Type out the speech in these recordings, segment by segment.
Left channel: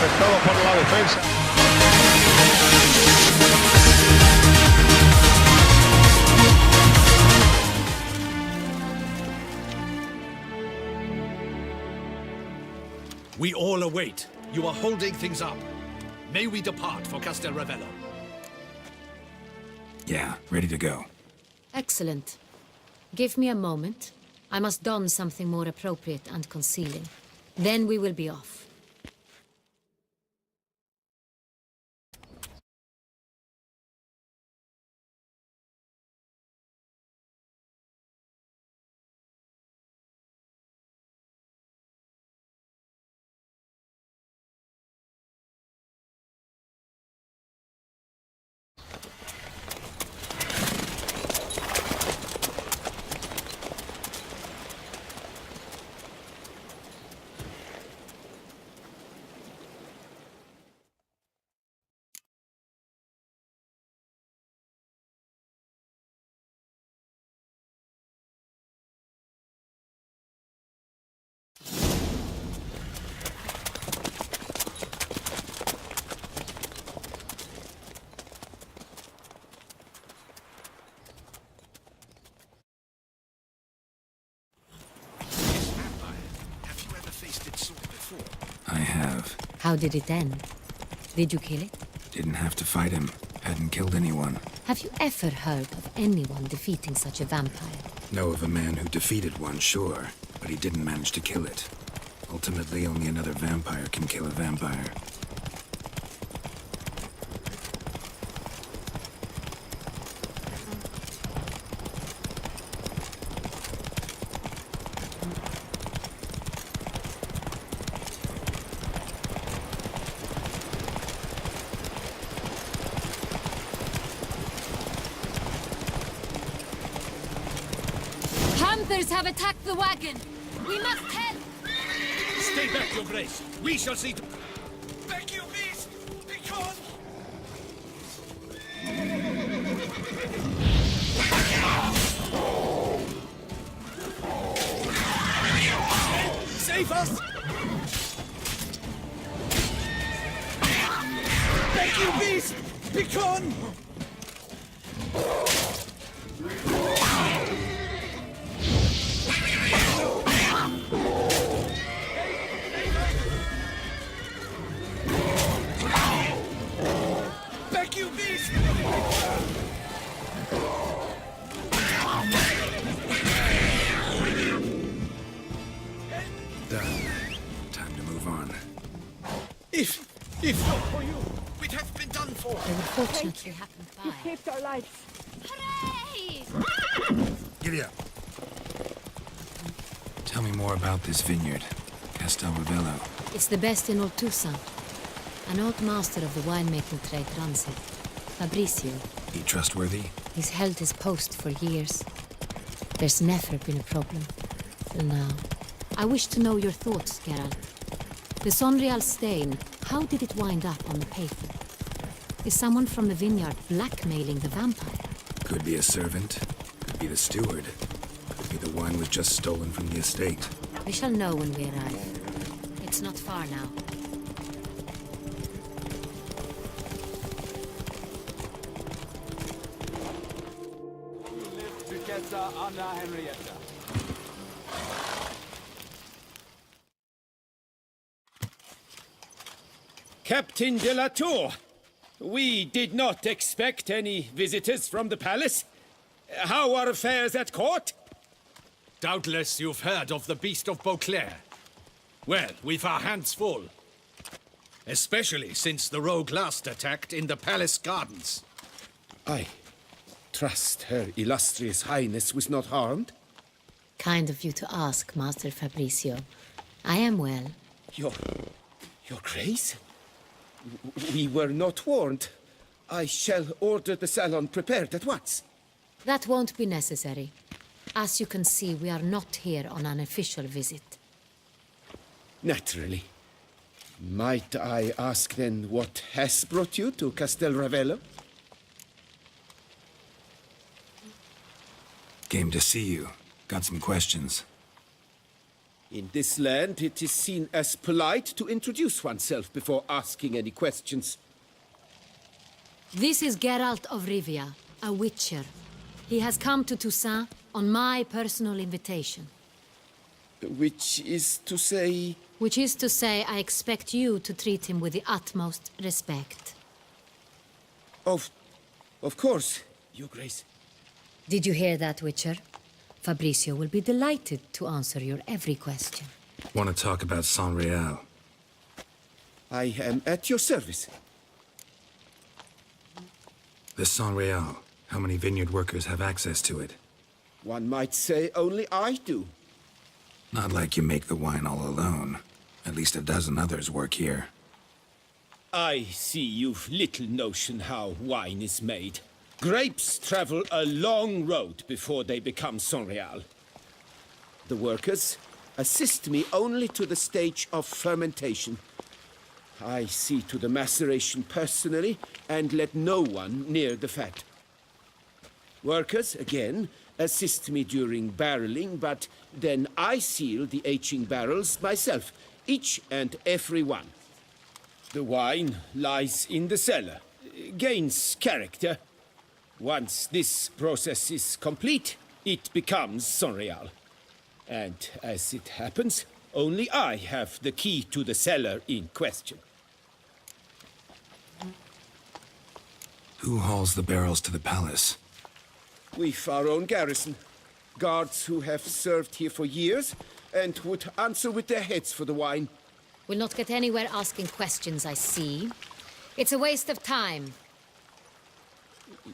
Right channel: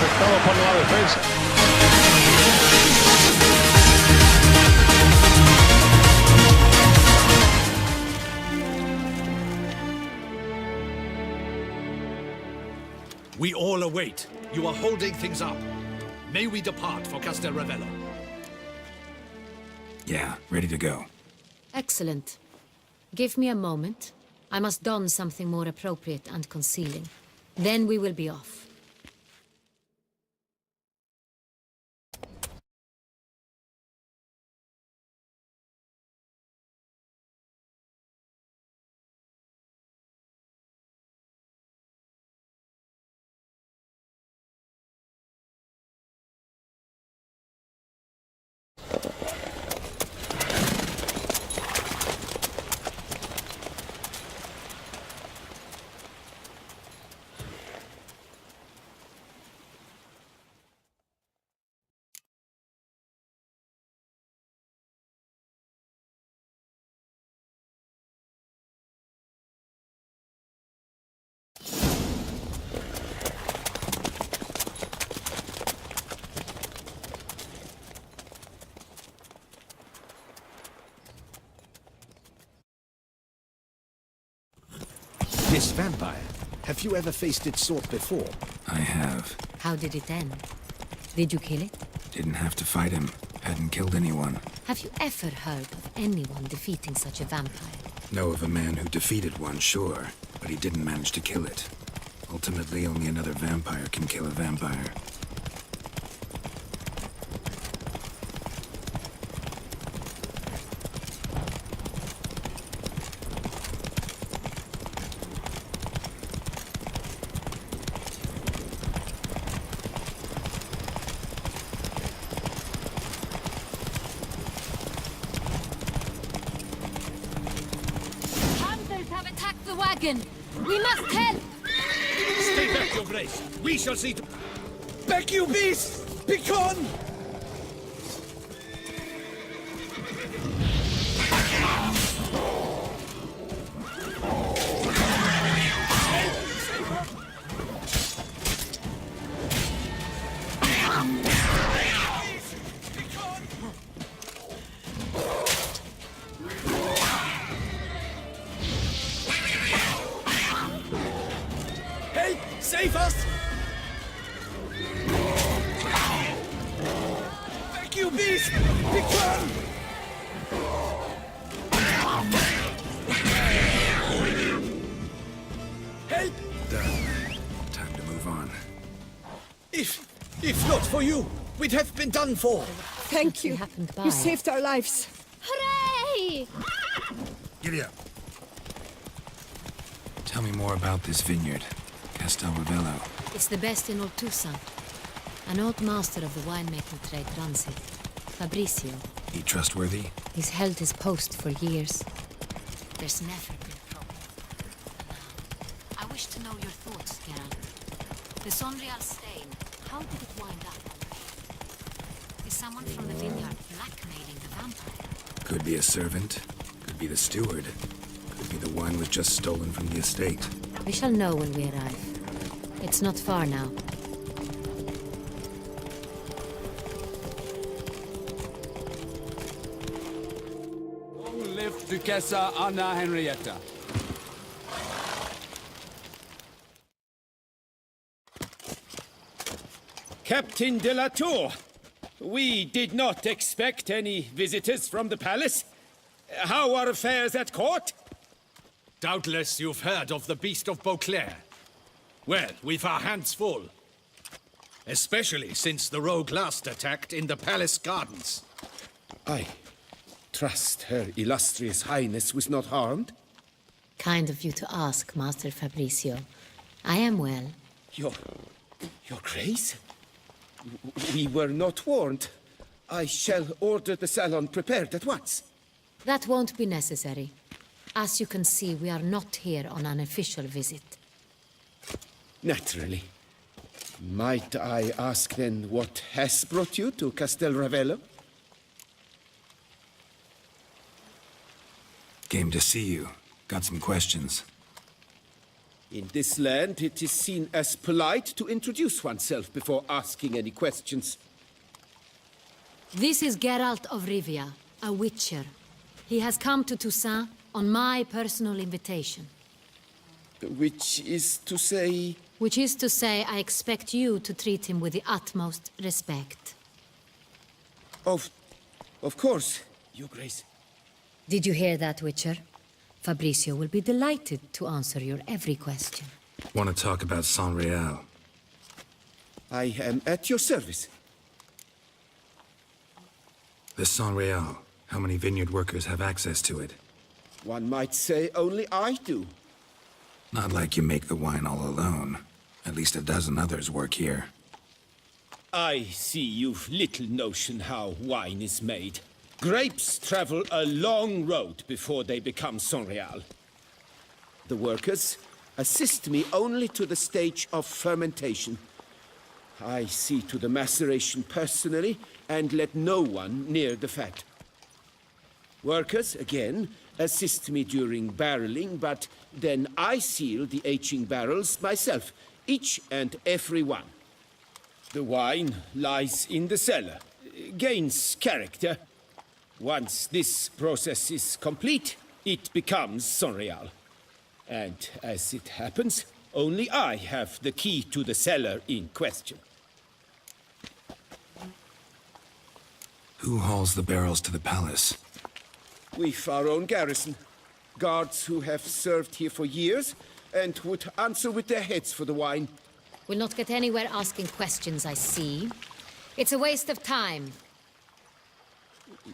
afectado por la defensa. We all await. You are holding things up. May we depart for Castel Ravello? Yeah, ready to go. Excellent. Give me a moment. I must don something more appropriate and concealing. Then we will be off. This vampire. Have you ever faced its sort before? I have. How did it end? Did you kill it? Didn't have to fight him. Hadn't killed anyone. Have you ever heard of anyone defeating such a vampire? Know of a man who defeated one, sure, but he didn't manage to kill it. Ultimately, only another vampire can kill a vampire. Have attacked the wagon! We must help! Stay back, Your Grace. We shall see to... Back, you beast! Begone! Save us! Back, you beast! Begone! You beast! Help! Done. Time to move on. If not for you, we'd have been done for. Thank you. Happened by. You saved our lives. Hooray! Giddy up. Tell me more about this vineyard, Castel Ravello. It's the best in Oltusa. An old master of the winemaking trade runs it. Fabrizio. He trustworthy? He's held his post for years. There's never been a problem. Till now. I wish to know your thoughts, Geralt. The Sonreal stain, how did it wind up on the paper? Is someone from the vineyard blackmailing the vampire? Could be a servant. Could be the steward. Could be the wine was just stolen from the estate. We shall know when we arrive. It's not far now. Duchessa Anna Henrietta. Captain de la Tour, we did not expect any visitors from the palace. How are affairs at court? Doubtless you've heard of the Beast of Beauclair. Well, we've our hands full. Especially since the rogue last attacked in the palace gardens. I trust Her Illustrious Highness was not harmed? Kind of you to ask, Master Fabrizio. I am well. Your Grace? We were not warned. I shall order the salon prepared at once. That won't be necessary. As you can see, we are not here on an official visit. Naturally. Might I ask then what has brought you to Castel Ravello? Came to see you. Got some questions. In this land, it is seen as polite to introduce oneself before asking any questions. This is Geralt of Rivia, a witcher. He has come to Toussaint on my personal invitation. Which is to say... Which is to say, I expect you to treat him with the utmost respect. Of course, Your Grace. Did you hear that, Witcher? Fabricio will be delighted to answer your every question. Want to talk about Saint-Réal? I am at your service. The Saint-Réal. How many vineyard workers have access to it? One might say only I do. Not like you make the wine all alone. At least a dozen others work here. I see you've little notion how wine is made. Grapes travel a long road before they become Saint-Réal. The workers assist me only to the stage of fermentation. I see to the maceration personally and let no one near the fat. Workers, again, assist me during barreling, but then I seal the aging barrels myself, each and every one. The wine lies in the cellar, gains character. Once this process is complete, it becomes Saint-Réal. And as it happens, only I have the key to the cellar in question. Who hauls the barrels to the palace? We've our own garrison. Guards who have served here for years and would answer with their heads for the wine. We'll not get anywhere asking questions, I see. It's a waste of time.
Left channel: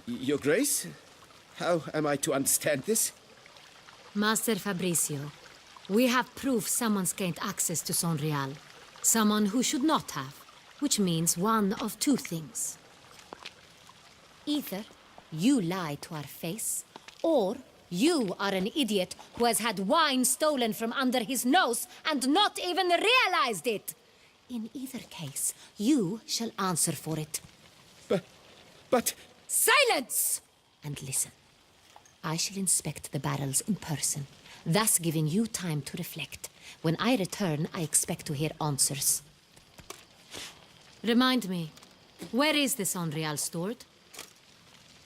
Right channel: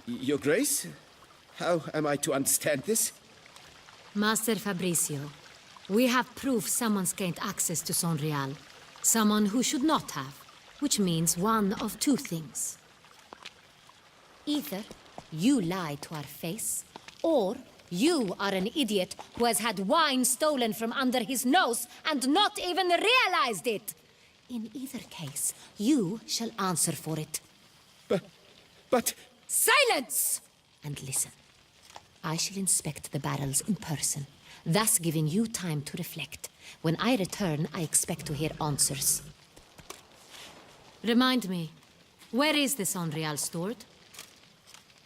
Your Grace? How am I to understand this? Master Fabricio, we have proof someone's gained access to Saint-Réal. Someone who should not have, which means one of two things. Either you lie to our face, or you are an idiot who has had wine stolen from under his nose and not even realized it. In either case, you shall answer for it. But... Silence! And listen. I shall inspect the barrels in person, thus giving you time to reflect. When I return, I expect to hear answers. Remind me, where is the Saint-Réal stored?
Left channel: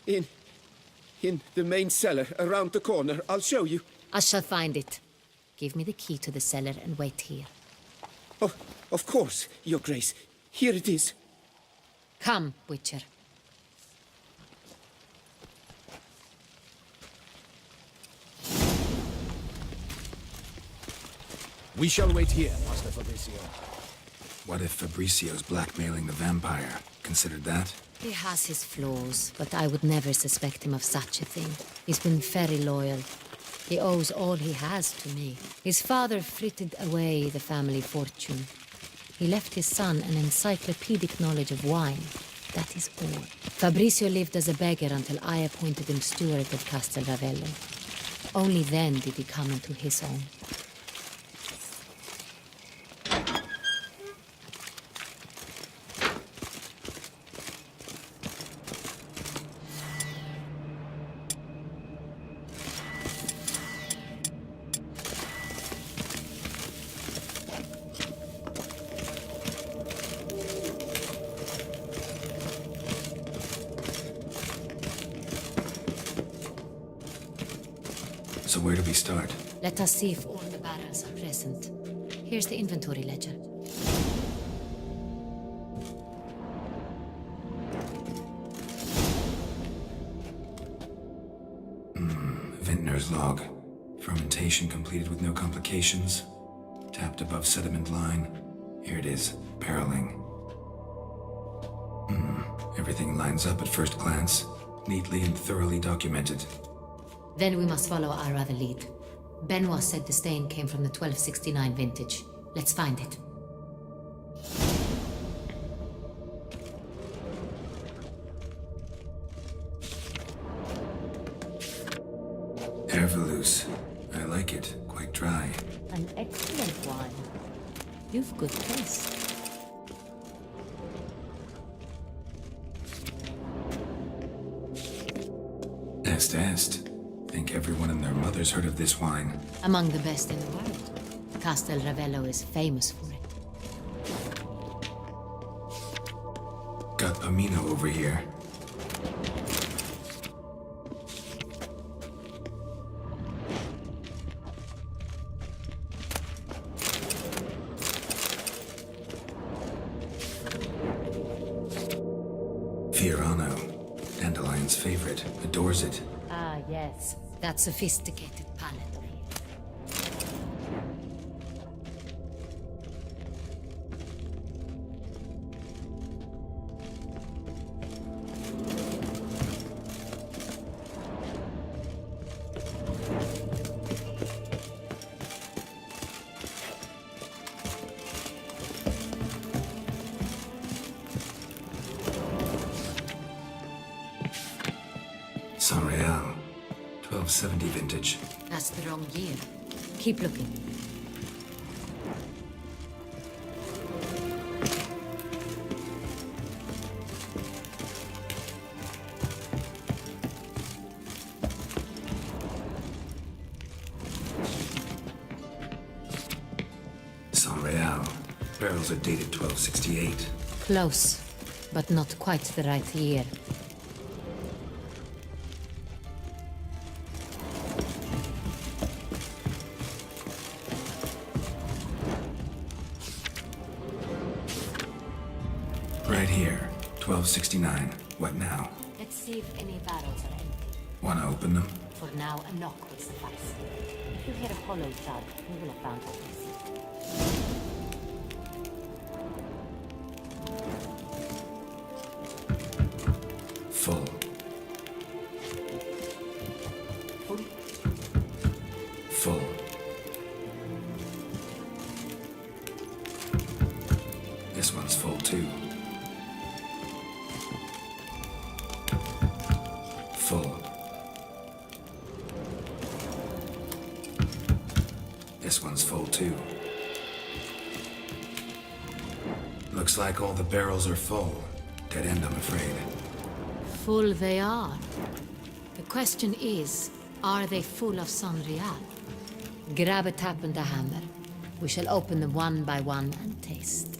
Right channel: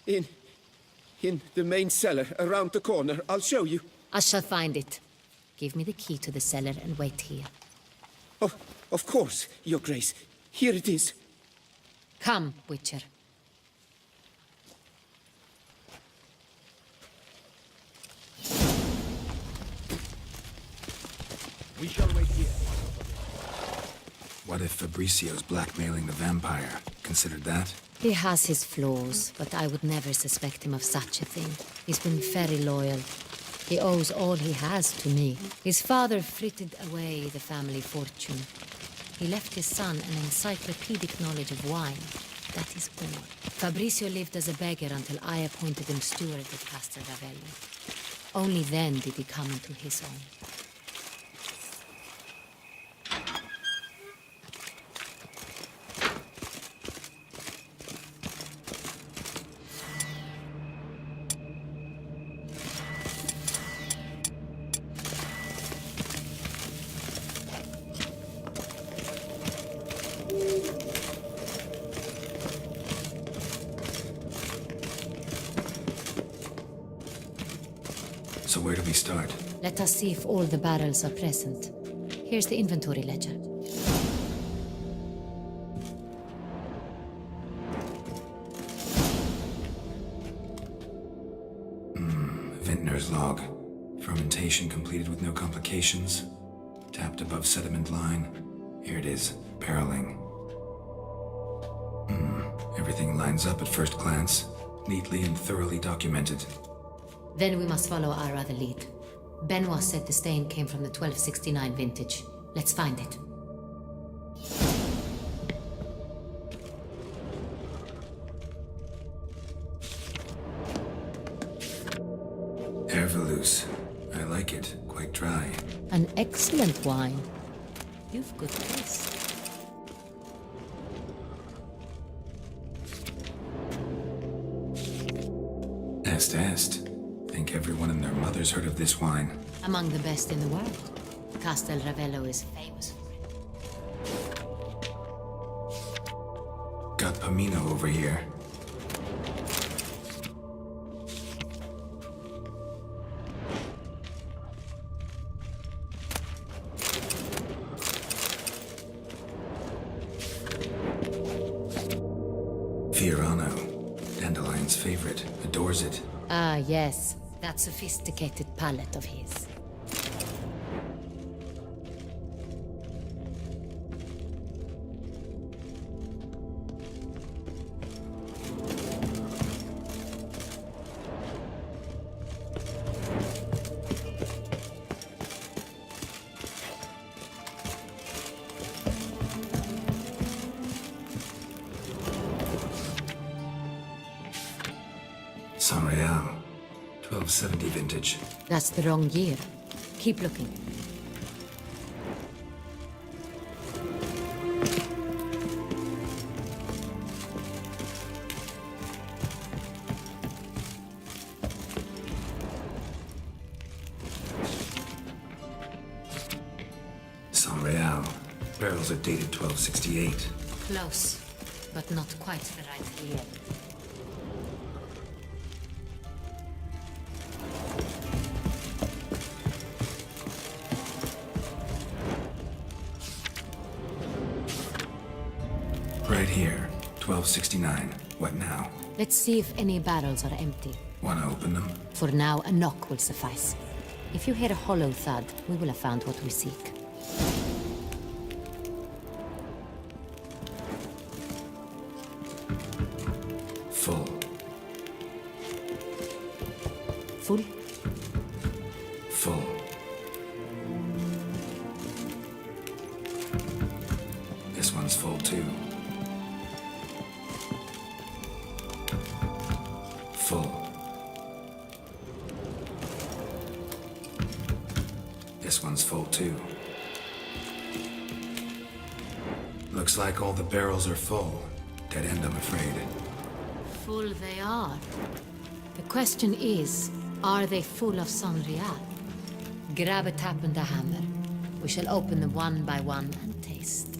In the main cellar, around the corner. I'll show you. I shall find it. Give me the key to the cellar and wait here. Oh, of course, Your Grace. Here it is. Come, Witcher. We shall wait here, Master Fabricio. What if Fabricio's blackmailing the vampire? Considered that? He has his flaws, but I would never suspect him of such a thing. He's been very loyal. He owes all he has to me. His father frittered away the family fortune. He left his son an encyclopedic knowledge of wine. That is all. Fabricio lived as a beggar until I appointed him steward of Castel Ravello. Only then did he come into his own. So where do we start? Let us see if all the barrels are present. Here's the inventory ledger. Vintner's log. Fermentation completed with no complications. Tapped above sediment line. Here it is. Barreling. Everything lines up at first glance. Neatly and thoroughly documented. Then we must follow our other lead. Benoit said the stain came from the 1269 vintage. Let's find it. Herveloos. I like it. Quite dry. An excellent wine. You've good taste. Est. Think everyone and their mother's heard of this wine. Among the best in the world. Castel Ravello is famous for it. Got Pomino over here. Fiorano, Dandelion's favorite, adores it. Ah, yes. That sophisticated palate of his. San Real, 1270 vintage. That's the wrong year. Keep looking. San Real. Barrels are dated 1268. Close, but not quite the right year. Right here, 1269. What now? Let's see if any barrels are empty. Wanna open them? For now, a knock will suffice. If you hear a hollow thud, we will have found what we seek. Full. Full? Full. This one's full too. Full. This one's full too. Looks like all the barrels are full. Dead end, I'm afraid. Full they are. The question is, are they full of San Real? Grab a tap and a hammer. We shall open them one by one and taste.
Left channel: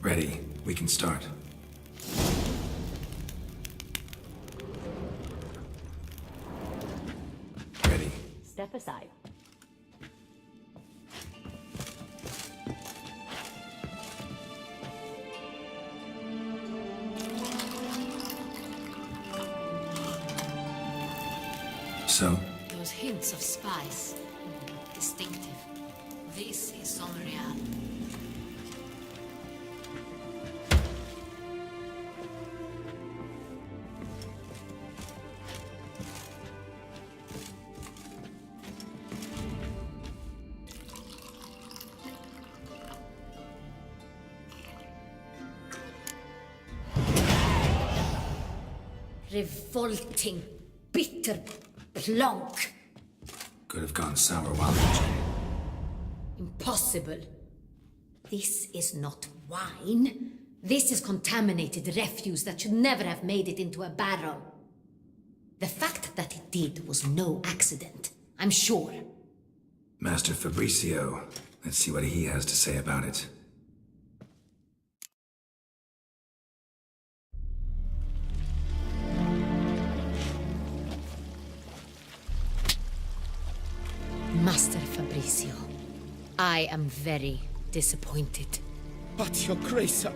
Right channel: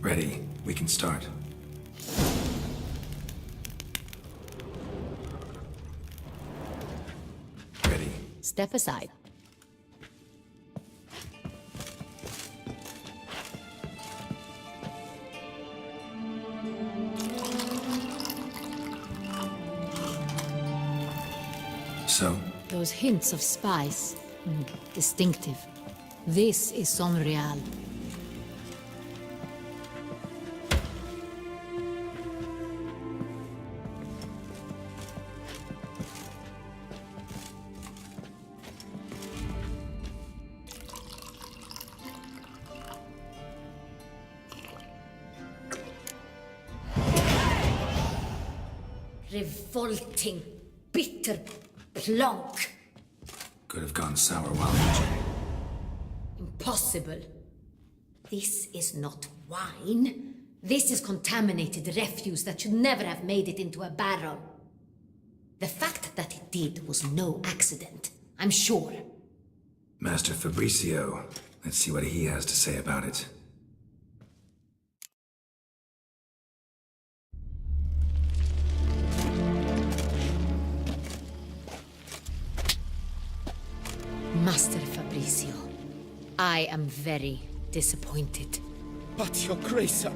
Ready. We can start. Ready. Step aside. So, Those hints of spice. Distinctive. This is San Real. Revolting, bitter plonk. could have gone sour while aging. Impossible. This is not wine. This is contaminated refuse that should never have made it into a barrel. The fact that it did was no accident, I'm sure. Master Fabricio, let's see what he has to say about it. Master Fabricio, I am very disappointed. But, Your Grace,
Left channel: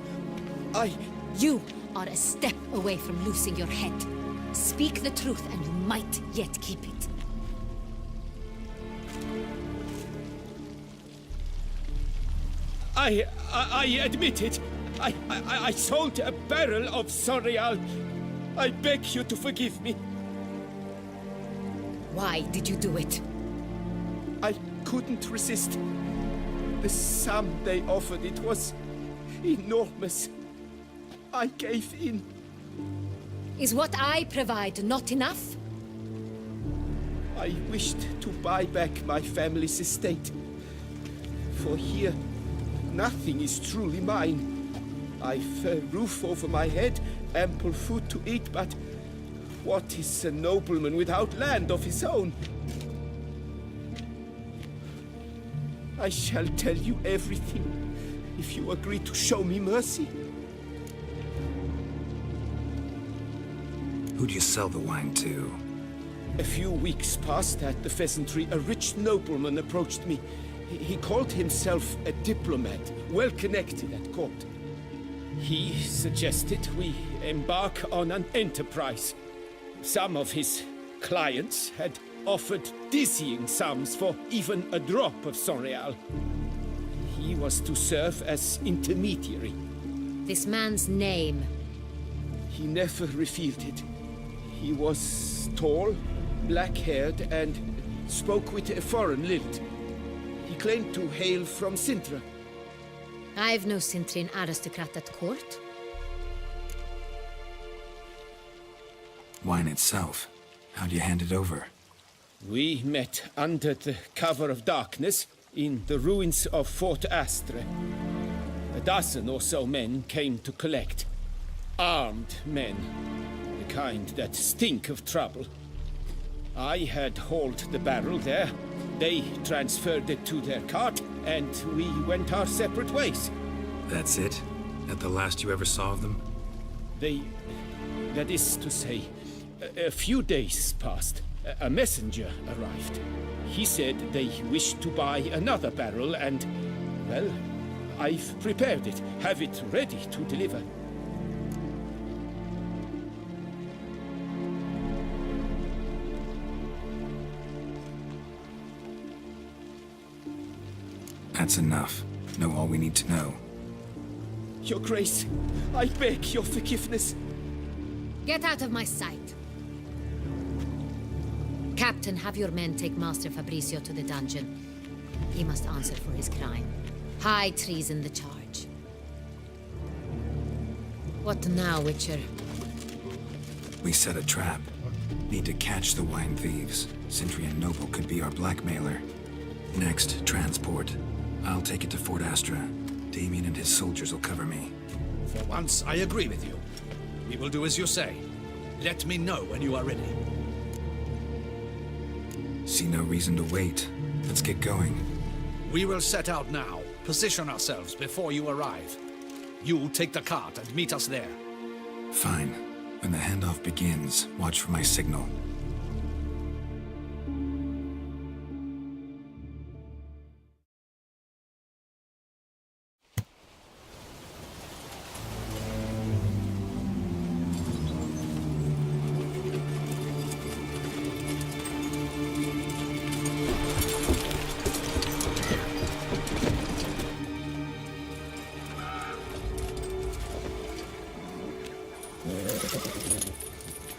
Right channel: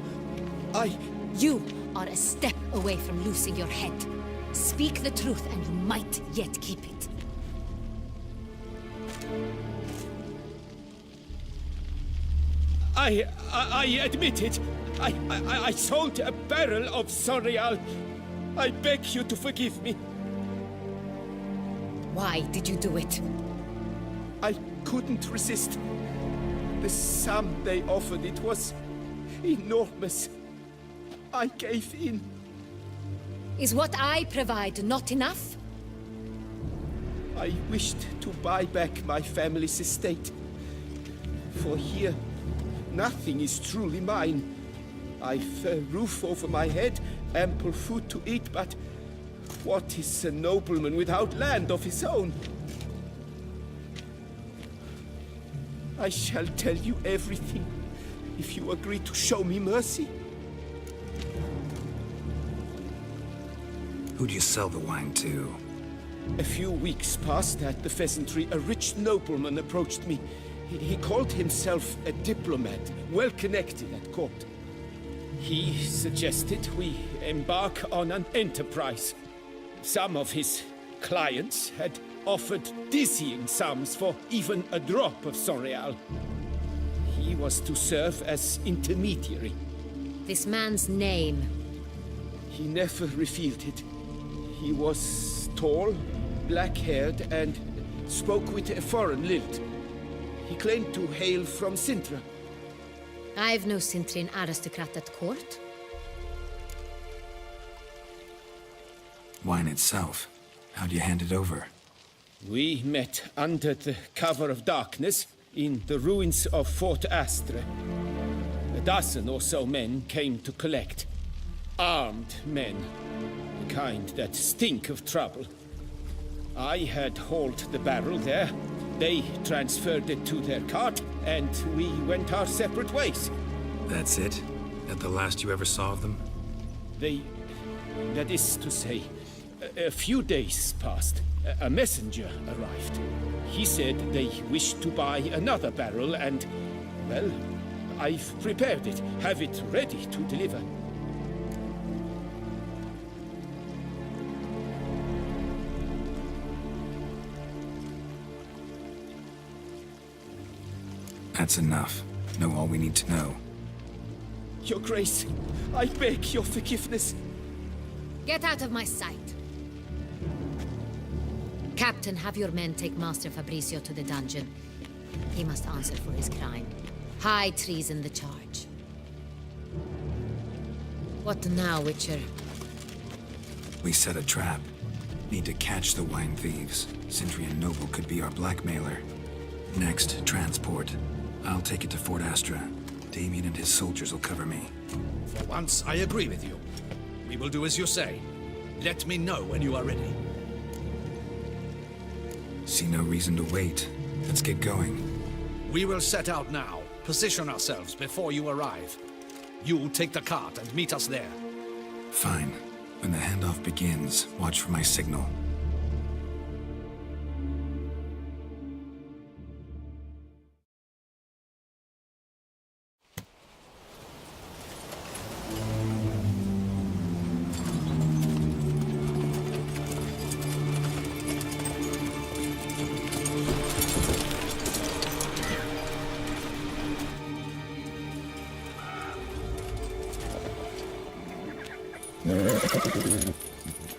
I... You are a step away from losing your head. Speak the truth and you might yet keep it. I admit it. I sold a barrel of Sonreal. I beg you to forgive me. Why did you do it? I couldn't resist. The sum they offered, it was enormous. I gave in. Is what I provide not enough? I wished to buy back my family's estate. For here, nothing is truly mine. I've a roof over my head, ample food to eat, but what is a nobleman without land of his own? I shall tell you everything if you agree to show me mercy. Who do you sell the wine to? A few weeks past at the pheasantry, a rich nobleman approached me. He called himself a diplomat, well connected at court. He suggested we embark on an enterprise. Some of his clients had offered dizzying sums for even a drop of Sonreal. He was to serve as intermediary. This man's name. He never revealed it. He was tall, black-haired, and spoke with a foreign lilt. He claimed to hail from Sintra. I've no Sintrin aristocrat at court. Wine itself. How do you hand it over? We met under the cover of darkness in the ruins of Fort Astre. A dozen or so men came to collect. Armed men. The kind that stink of trouble. I had hauled the barrel there. They transferred it to their cart, and we went our separate ways. That's it? That the last you ever saw of them? That is to say, a few days passed. A messenger arrived. He said they wished to buy another barrel and, well, I've prepared it, have it ready to deliver. That's enough. Know all we need to know. Your Grace, I beg your forgiveness. Get out of my sight. Captain, have your men take Master Fabricio to the dungeon. He must answer for his crime. High treason the charge. What now, Witcher? We set a trap. Need to catch the wine thieves. Sintrian Noble could be our blackmailer. Next, transport. I'll take it to Fort Astra. Damien and his soldiers will cover me. For once, I agree with you. We will do as you say. Let me know when you are ready. See no reason to wait. Let's get going. We will set out now. Position ourselves before you arrive. You take the cart and meet us there. Fine. When the handoff begins, watch for my signal.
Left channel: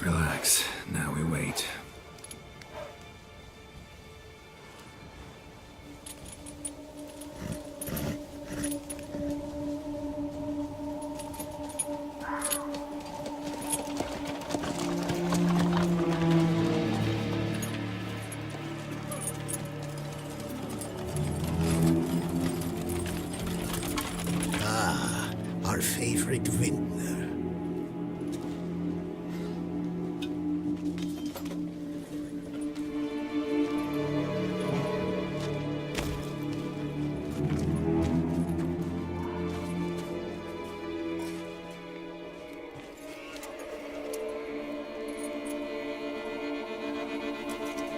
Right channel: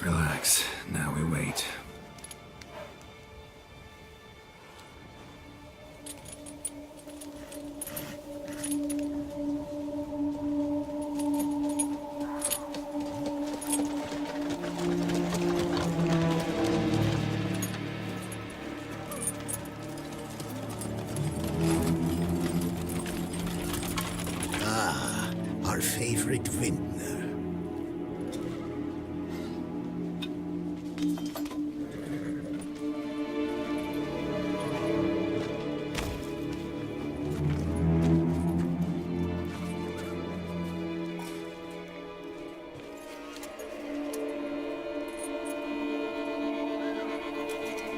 Relax. Now we wait. Our favorite vintner.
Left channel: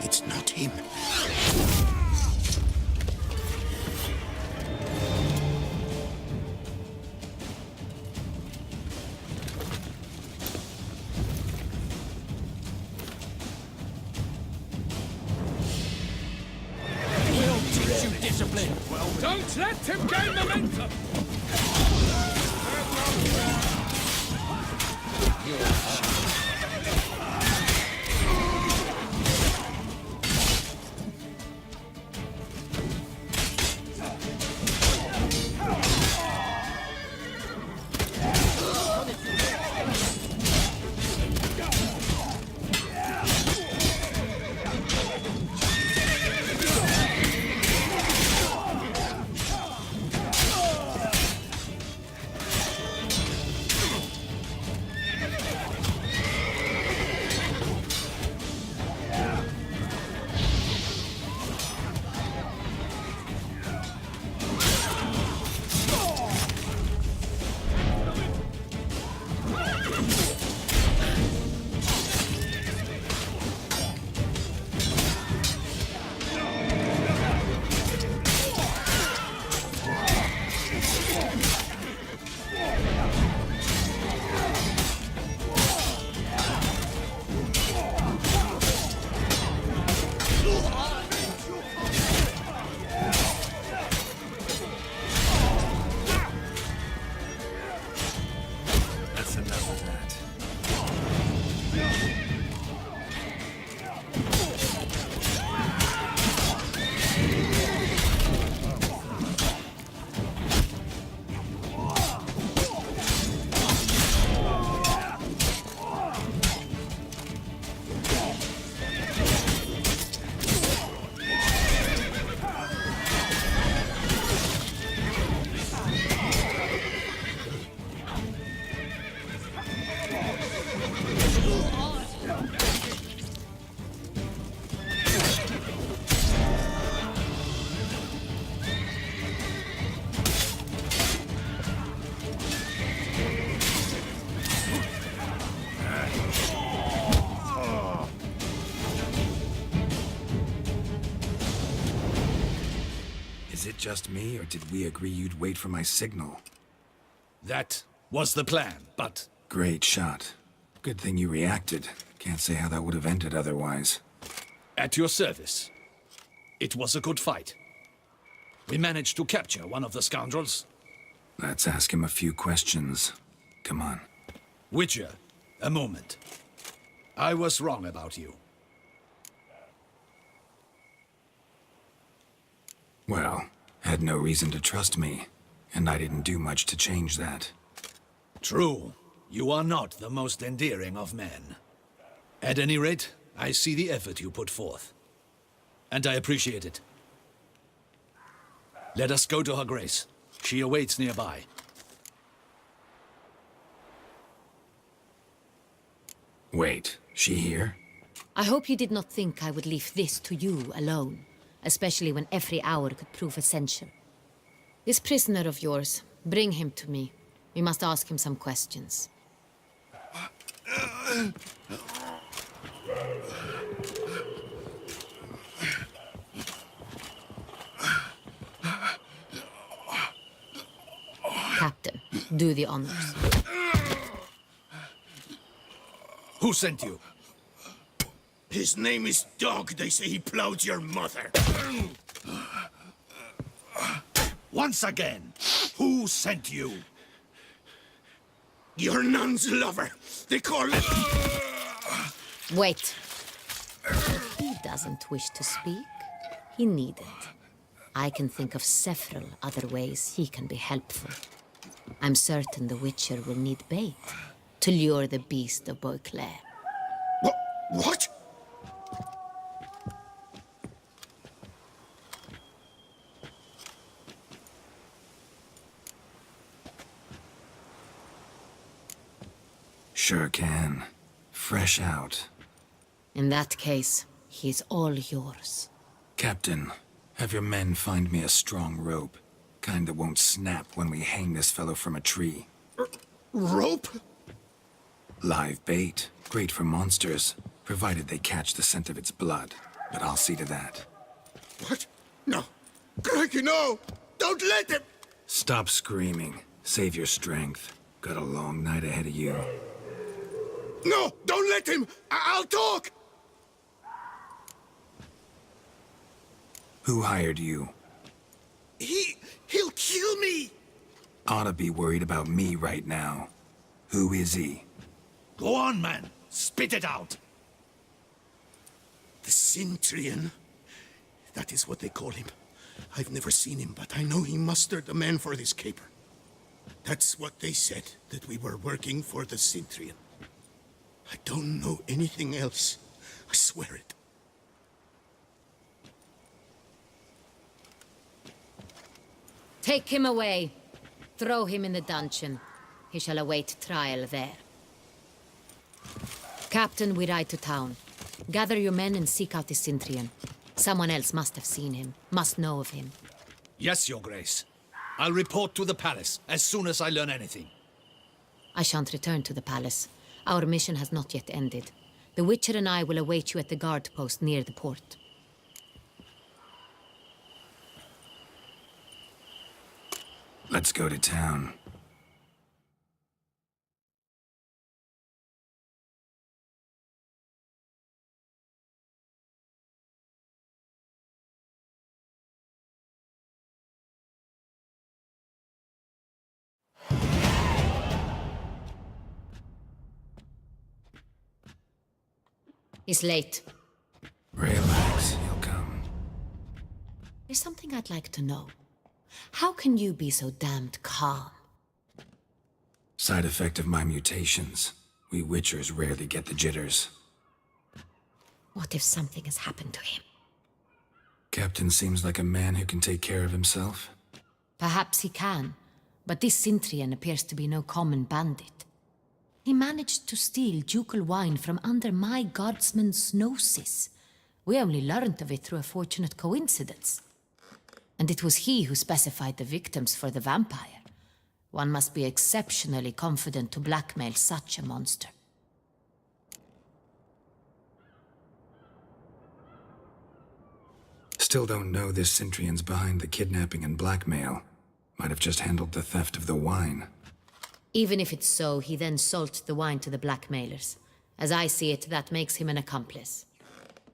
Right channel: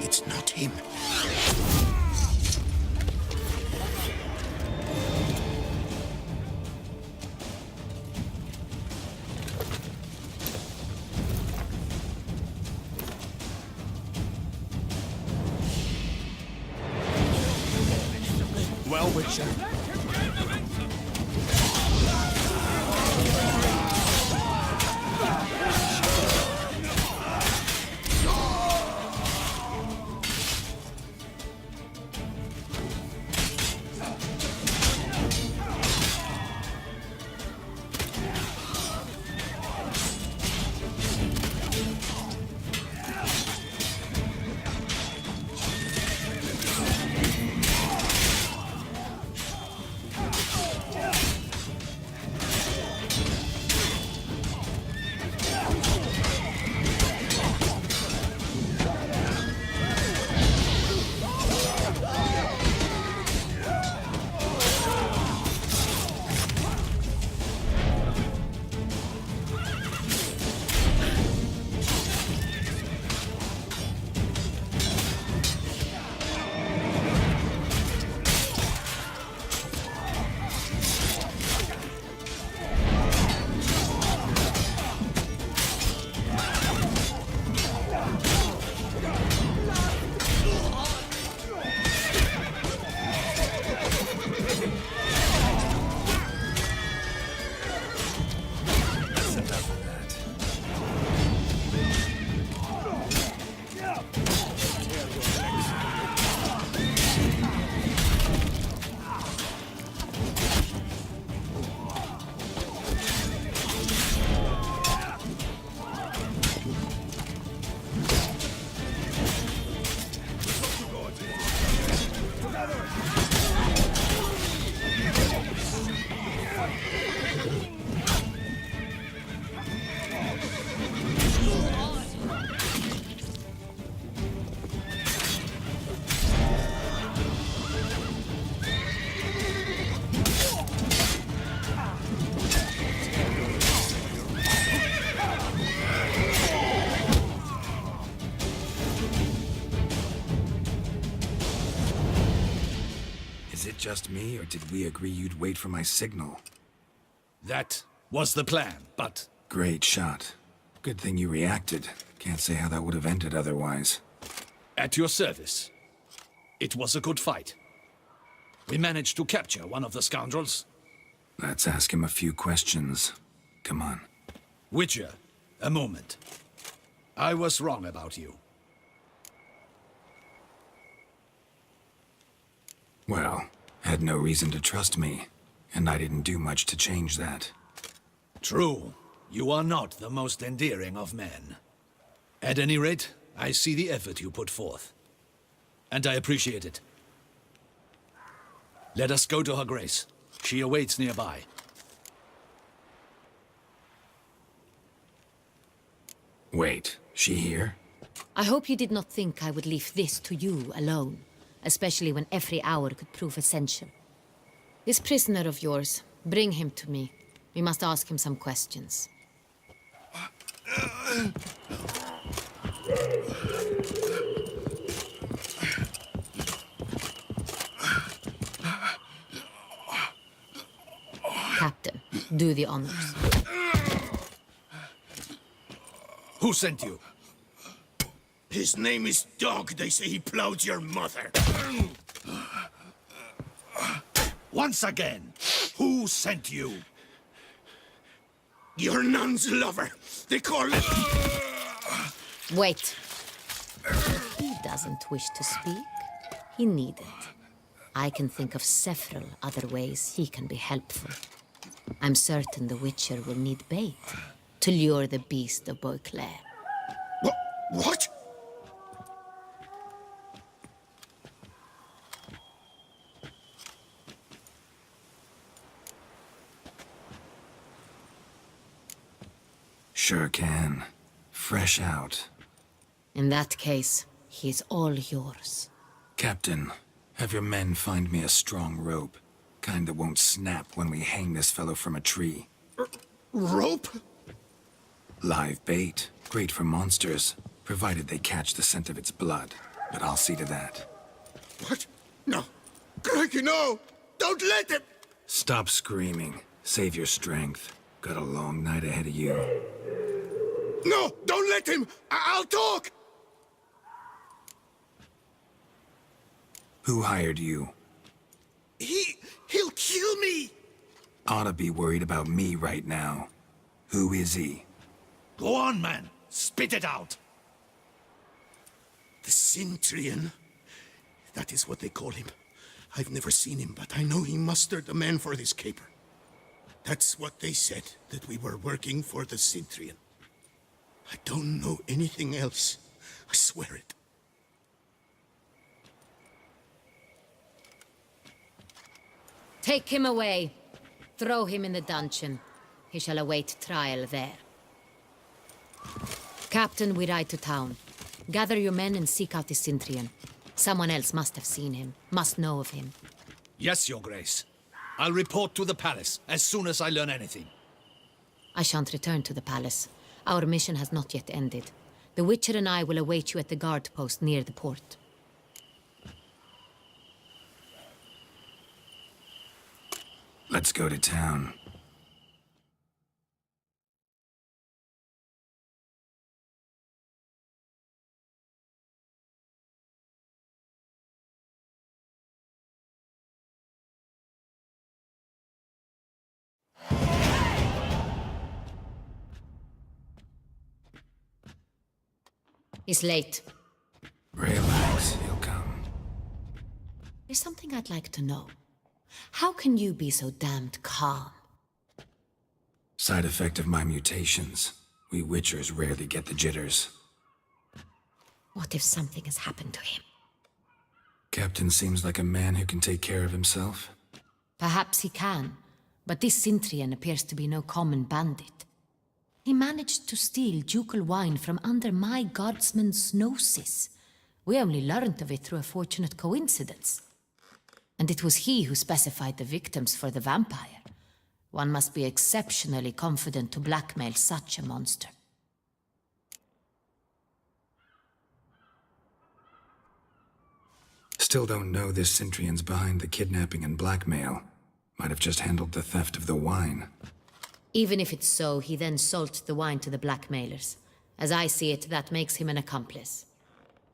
It's not him. Don't let him gain momentum! Is it just me, or did we agree you'd wait for my signal? That was the plan, but Great shot. Good thing you reacted. Can't say how that would have ended otherwise. at your service. It was a good fight. We managed to capture one of the scoundrels. Let's ask him a few questions. Come on. Witcher, a moment. I was wrong about you. Well, had no reason to trust me, and I didn't do much to change that. True, you are not the most endearing of men. At any rate, I see the effort you put forth. And I appreciate it. Let us go to her grace. She awaits nearby. Wait, she here? I hope you did not think I would leave this to you alone, especially when every hour could prove essential. This prisoner of yours, bring him to me. We must ask him some questions. Captain, do the honors. Who sent you? His name is Dog. They say he plowed your mother. Once again, who sent you? Your nun's lover. They call it... Wait. He doesn't wish to speak. He needn't. I can think of several other ways he can be helpful. I'm certain the Witcher will need bait to lure the beast of Beauclair. What? Sure can. Fresh out. In that case, he's all yours. Captain, have your men find me a strong rope. Kind that won't snap when we hang this fellow from a tree. Rope? Live bait. Great for monsters, provided they catch the scent of its blood. But I'll see to that. What? No. Crikey, no! Don't let him! Stop screaming. Save your strength. Got a long night ahead of you. No! Don't let him! I'll talk! Who hired you? He'll kill me! Oughta be worried about me right now. Who is he? Go on, man. Spit it out. The Cintrian. That is what they call him. I've never seen him, but I know he mustered the men for this caper. That's what they said, that we were working for the Cintrian. I don't know anything else. I swear it. Take him away. Throw him in the dungeon. He shall await trial there. Captain, we ride to town. Gather your men and seek out the Cintrian. Someone else must have seen him, must know of him. Yes, Your Grace. I'll report to the palace as soon as I learn anything. I shan't return to the palace. Our mission has not yet ended. The Witcher and I will await you at the guard post near the port. Let's go to town. He's late. Relax, he'll come. There's something I'd like to know. How can you be so damned calm? Side effect of my mutations. We Witchers rarely get the jitters. What if something has happened to him? Captain seems like a man who can take care of himself. Perhaps he can, but this Cintrian appears to be no common bandit. He managed to steal ducal wine from under my guardsman's noses. We only learned of it through a fortunate coincidence. And it was he who specified the victims for the vampire. One must be exceptionally confident to blackmail such a monster. Still don't know this Centrion's behind the kidnapping and blackmail. Might have just handled the theft of the wine. Even if it's so, he then sold the wine to the blackmailers. As I see it, that makes him an accomplice.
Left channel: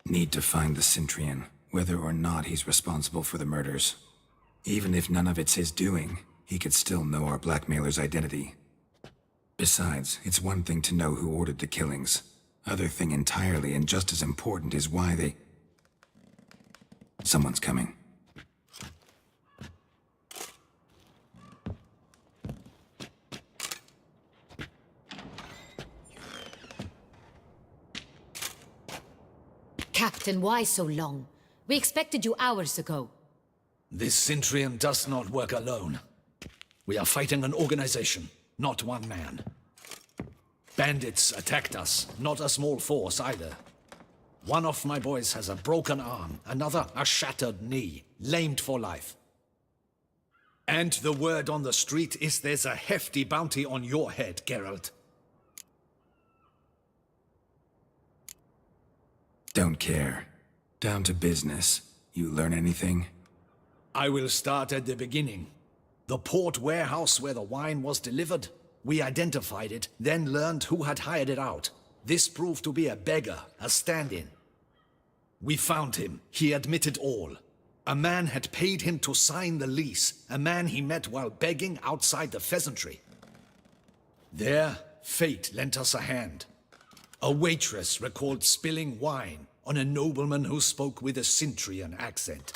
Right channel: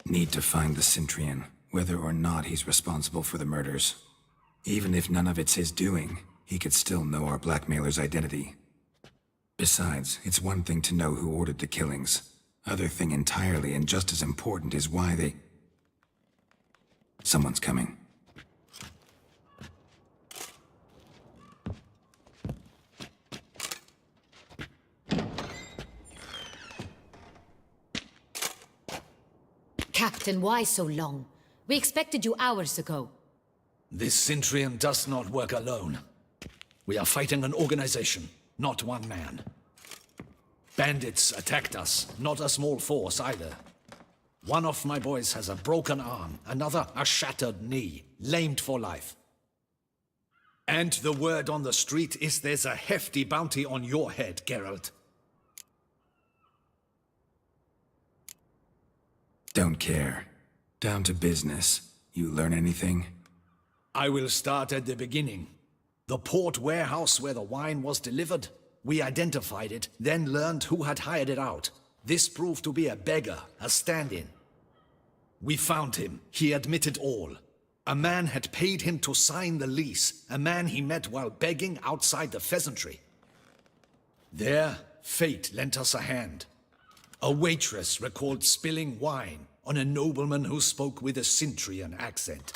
Need to find the Centrion, whether or not he's responsible for the murders. Even if none of it's his doing, he could still know our blackmailer's identity. Besides, it's one thing to know who ordered the killings. Other thing entirely, and just as important, is why they... Someone's coming. Captain, why so long? We expected you hours ago. This Centurion does not work alone. We are fighting an organization, not one man. Bandits attacked us, not a small force either. One of my boys has a broken arm, another a shattered knee, lamed for life. And the word on the street is there's a hefty bounty on your head, Geralt. Don't care. Down to business. You learn anything? I will start at the beginning. The port warehouse where the wine was delivered. We identified it, then learned who had hired it out. This proved to be a beggar, a stand-in. We found him. He admitted all. A man had paid him to sign the lease, a man he met while begging outside the pheasantry. There, fate lent us a hand. A waitress recalled spilling wine on a nobleman who spoke with a Centurion accent.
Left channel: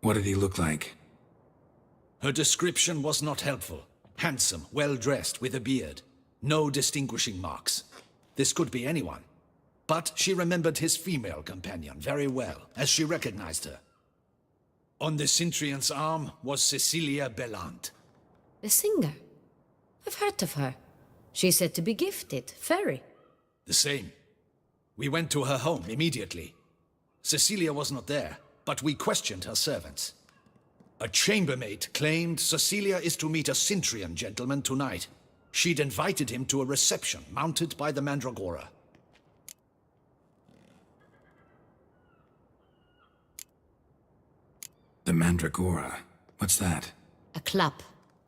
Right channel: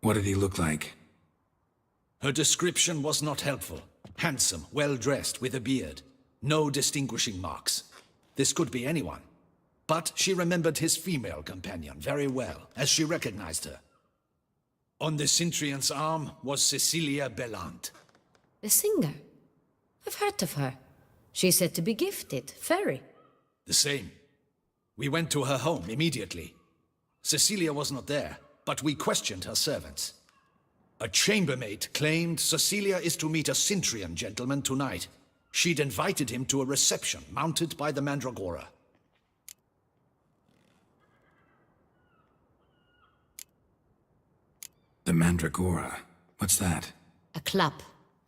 What did he look like? Her description was not helpful. Handsome, well-dressed, with a beard. No distinguishing marks. This could be anyone. But she remembered his female companion very well, as she recognized her. On the Centurion's arm was Cecilia Bellant. The singer? I've heard of her. She's said to be gifted, fairy. The same. We went to her home immediately. Cecilia was not there, but we questioned her servants. A chambermaid claimed Cecilia is to meet a Centurion gentleman tonight. She'd invited him to a reception mounted by the Mandragora. The Mandragora? What's that? A club,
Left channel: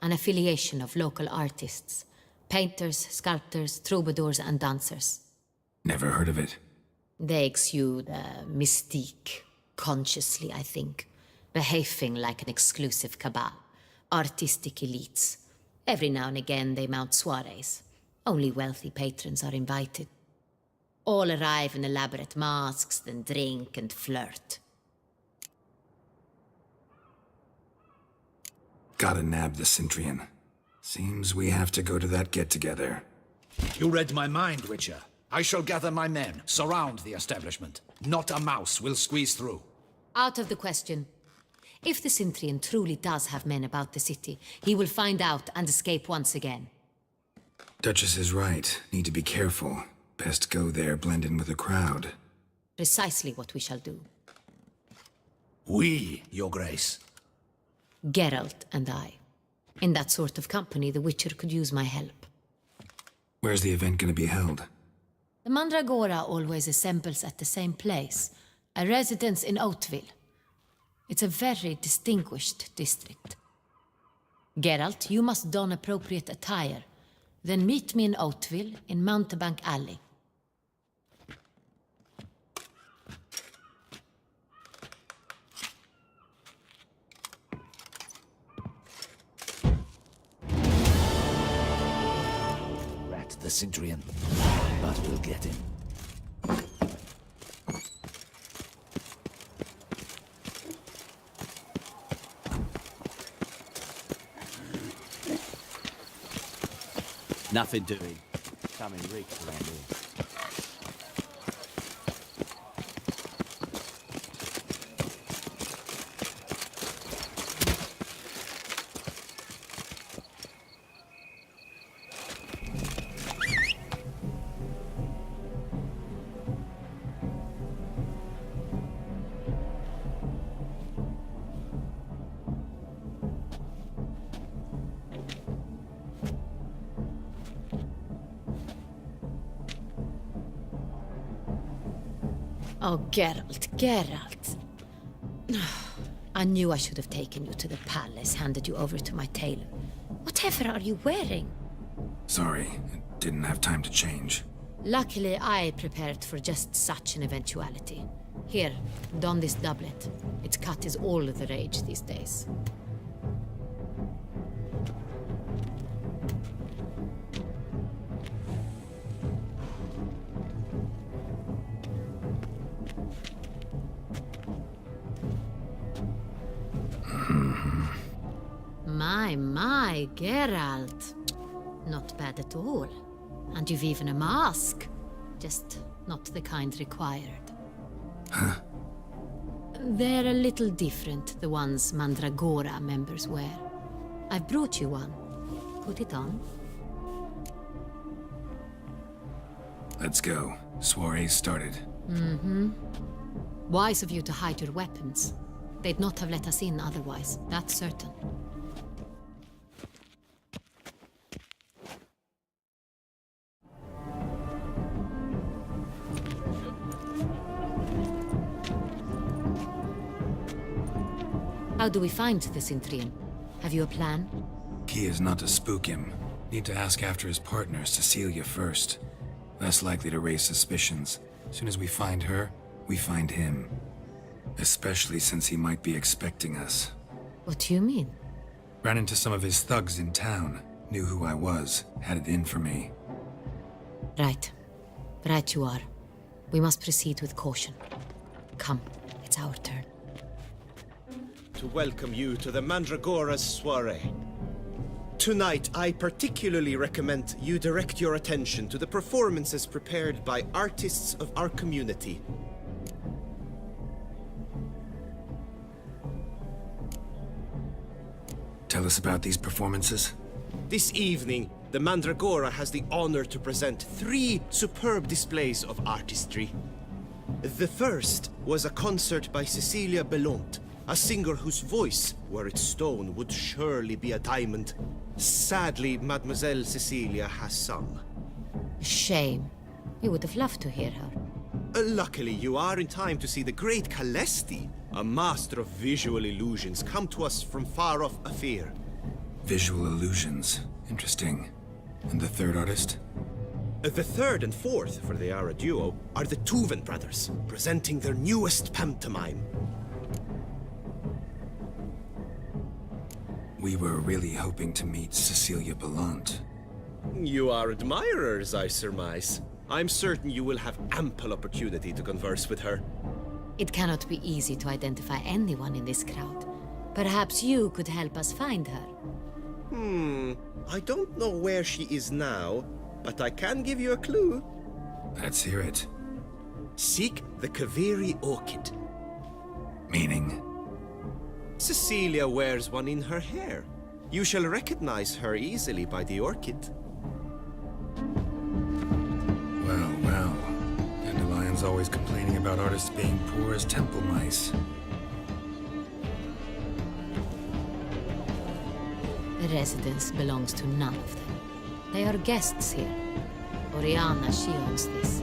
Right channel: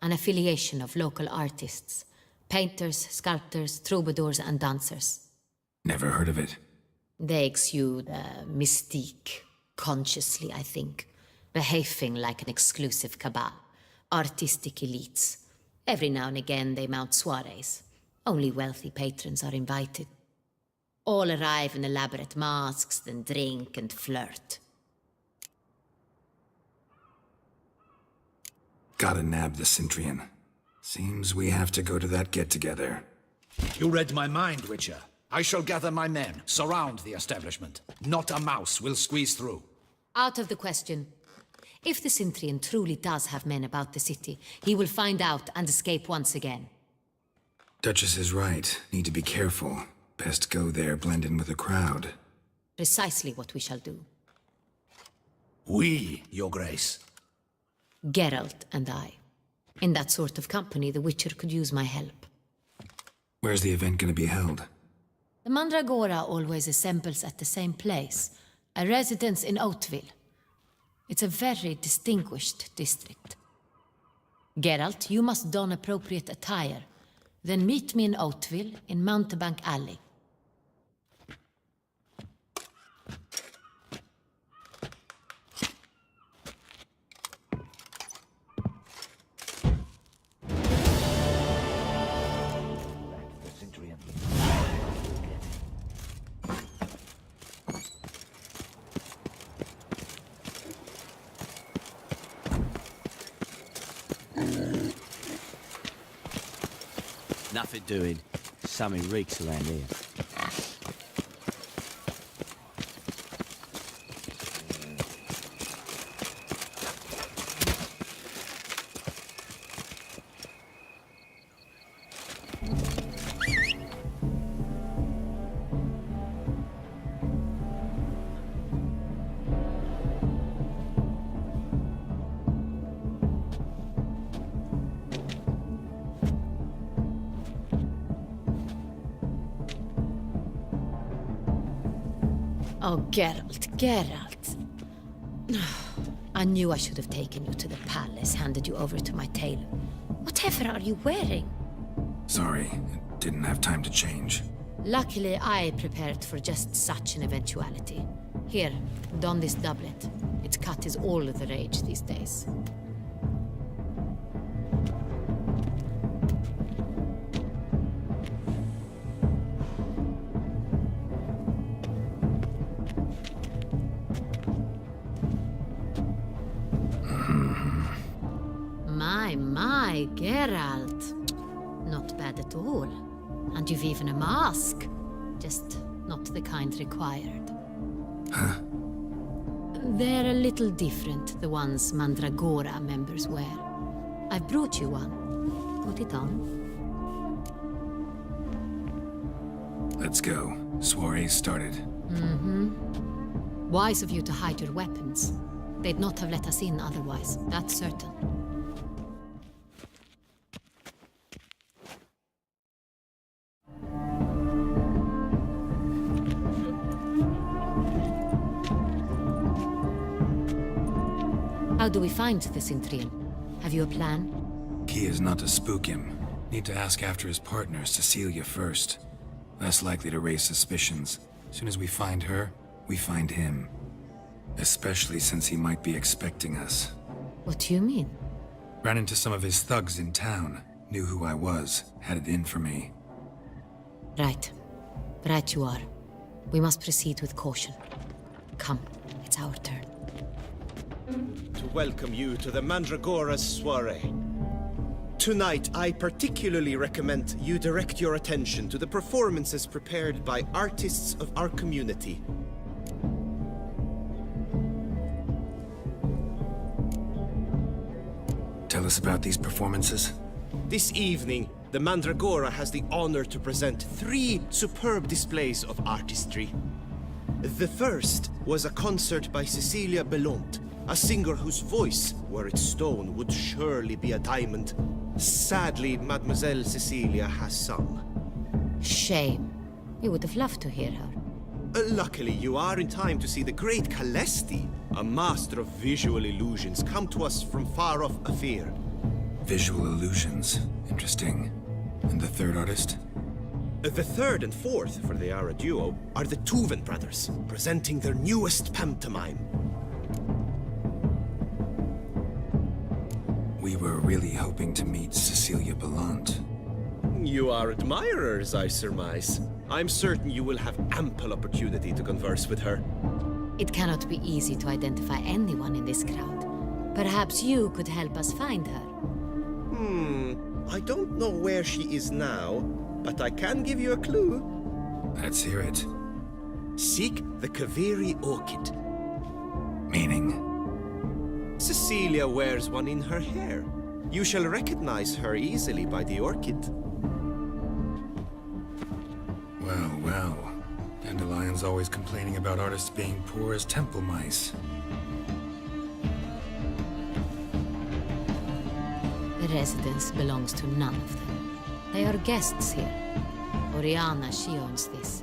an affiliation of local artists. Painters, sculptors, troubadours and dancers. Never heard of it. They exude mystique, consciously, I think. Behaving like an exclusive cabal. Artistic elites. Every now and again they mount soirees. Only wealthy patrons are invited. All arrive in elaborate masks, then drink and flirt. Gotta nab the Centurion. Seems we have to go to that get-together. You read my mind, Witcher. I shall gather my men, surround the establishment. Not a mouse will squeeze through. Out of the question. If the Centurion truly does have men about the city, he will find out and escape once again. Duchess is right. Need to be careful. Best go there, blend in with the crowd. Precisely what we shall do. We, Your Grace. Geralt and I. In that sort of company, the Witcher could use my help. Where's the event gonna be held? The Mandragora always assembles at the same place, a residence in Oatville. It's a very distinguished district. Geralt, you must don appropriate attire. Then meet me in Oatville, in Mountebank Alley. Rat the Centurion. But we'll get him. Nothing doing. Something reeks around here. Oh, Geralt, Geralt. I knew I should have taken you to the palace, handed you over to my tailor. Whatever are you wearing? Sorry, I didn't have time to change. Luckily, I prepared for just such an eventuality. Here, don this doublet. Its cut is all the rage these days. My, Geralt. Not bad at all. And you've even a mask. Just not the kind required. Huh? They're a little different, the ones Mandragora members wear. I've brought you one. Put it on. Let's go. Soiree's started. Wise of you to hide your weapons. They'd not have let us in otherwise, that's certain. How do we find the Cintrian? Have you a plan? Key is not to spook him. Need to ask after his partner, Cecilia, first. Less likely to raise suspicions. Soon as we find her, we find him. Especially since he might be expecting us. What do you mean? Ran into some of his thugs in town. Knew who I was. Had it in for me. Right. Right you are. We must proceed with caution. Come, it's our turn. To welcome you to the Mandragora's soiree. Tonight, I particularly recommend you direct your attention to the performances prepared by artists of our community. Tell us about these performances. This evening, the Mandragora has the honor to present 3 superb displays of artistry. The first was a concert by Cecilia Belont, a singer whose voice, were it stone, would surely be a diamond. Sadly, Mademoiselle Cecilia has sung. Shame. We would have loved to hear her. Luckily, you are in time to see the great Calesti, a master of visual illusions, come to us from far-off Afir. Visual illusions. Interesting. And the third artist? The third and fourth, for they are a duo, are the Tuven brothers, presenting their newest pantomime. We were really hoping to meet Cecilia Belont. You are admirers, I surmise. I'm certain you will have ample opportunity to converse with her. It cannot be easy to identify anyone in this crowd. Perhaps you could help us find her. I don't know where she is now, but I can give you a clue. Let's hear it. Seek the Kaviri orchid. Meaning? Cecilia wears one in her hair. You shall recognize her easily by the orchid. Well, well. Dandelion's always complaining about artists being poor as temple mice. The residence belongs to none of them. They are guests here. Oriana, she owns this.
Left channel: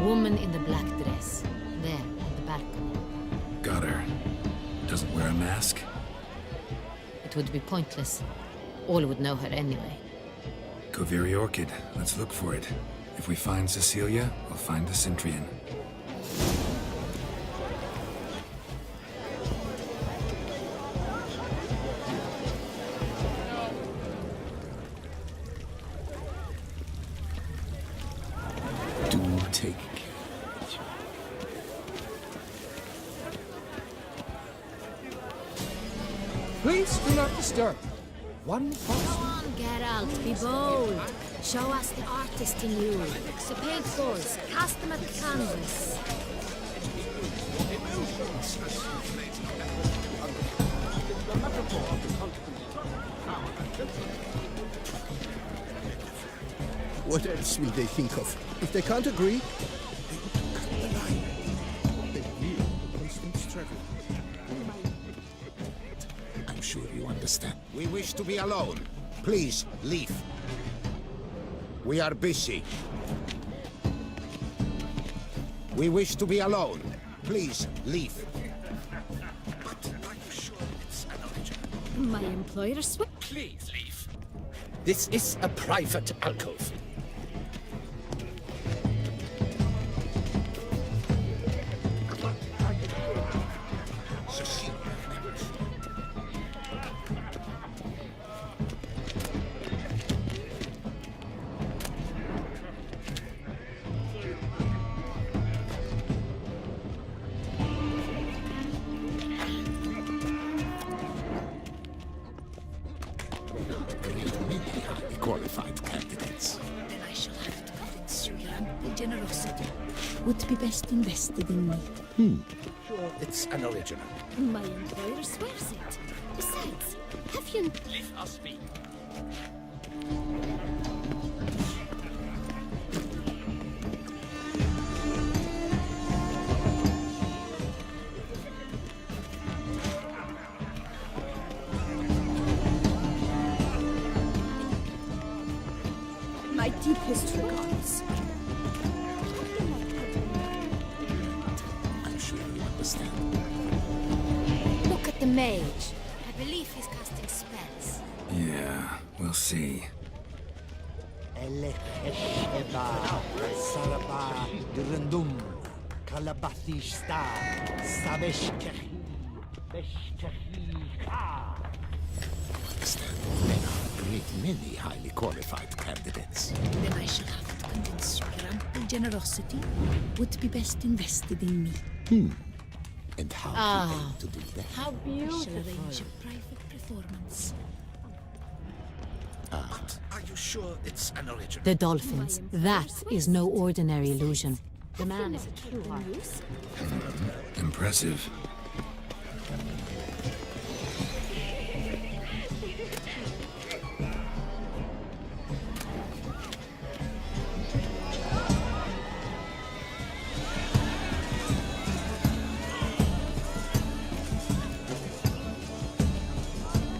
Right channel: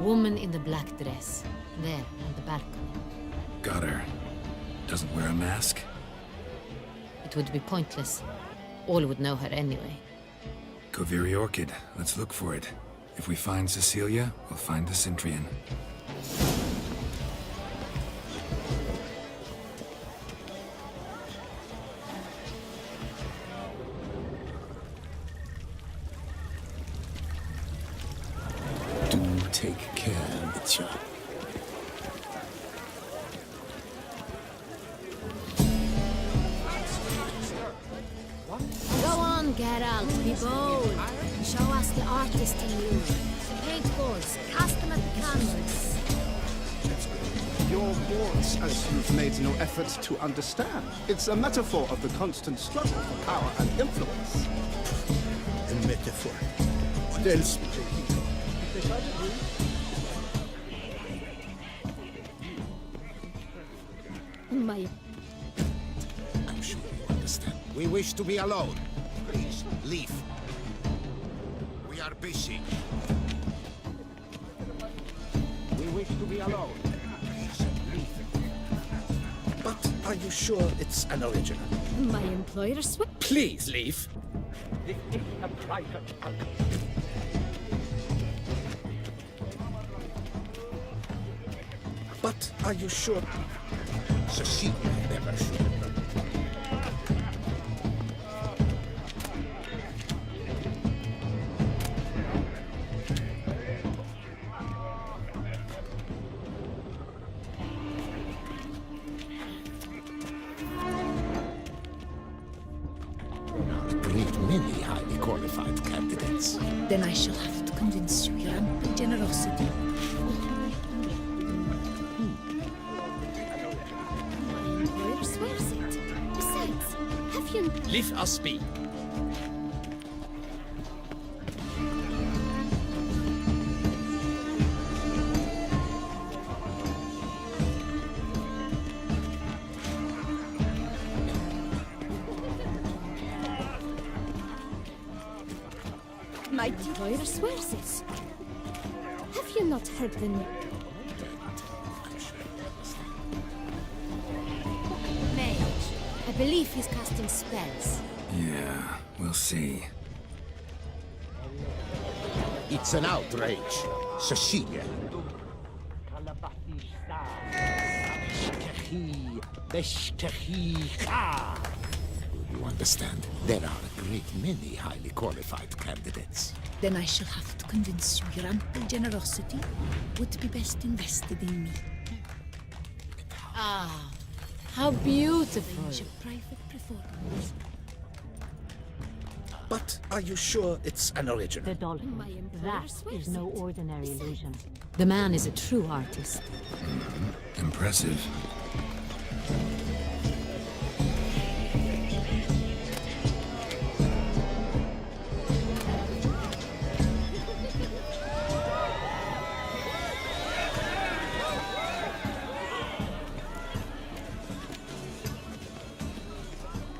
Woman in the black dress. There, on the balcony. Got her. Doesn't wear a mask? It would be pointless. All would know her anyway. Kaviri Orchid. Let's look for it. If we find Cecilia, we'll find the Cintrian. Do take care, monsieur. Please do not disturb. One Go on, Geralt, be bold. Show us the artist in you. The paintballs, cast them at the canvas. your words, as you've made no effort to understand. It's a metaphor of the constant struggle for power and influence. A metaphor. What else will they think of? If they can't agree, I'm sure you understand. We wish to be alone. Please, leave. We are busy. We wish to be alone. Please, leave. But are you sure it's an original? My employer Please leave. This is a private alcove. But are you sure? Cecilia never should have. There are a great many highly qualified candidates. Then I shall have to convince you your ample generosity would be best invested in me. It's an original. My employer swears it. Besides, have you... Leave us be. My deepest swears it. Have you not heard him? I'm sure you understand. Look at the mage. I believe he's casting spells. Yeah, we'll see. It's an outrage. Cecilia. You understand? There are a great many highly qualified candidates. Then I shall have to convince you your ample generosity would be best invested in me. And how do you aim to do that? How beautiful. Arrange a private performance. But are you sure it's an original? The dolphins. My employer That swears is no it. ordinary illusion. The man is a true artist. Impressive.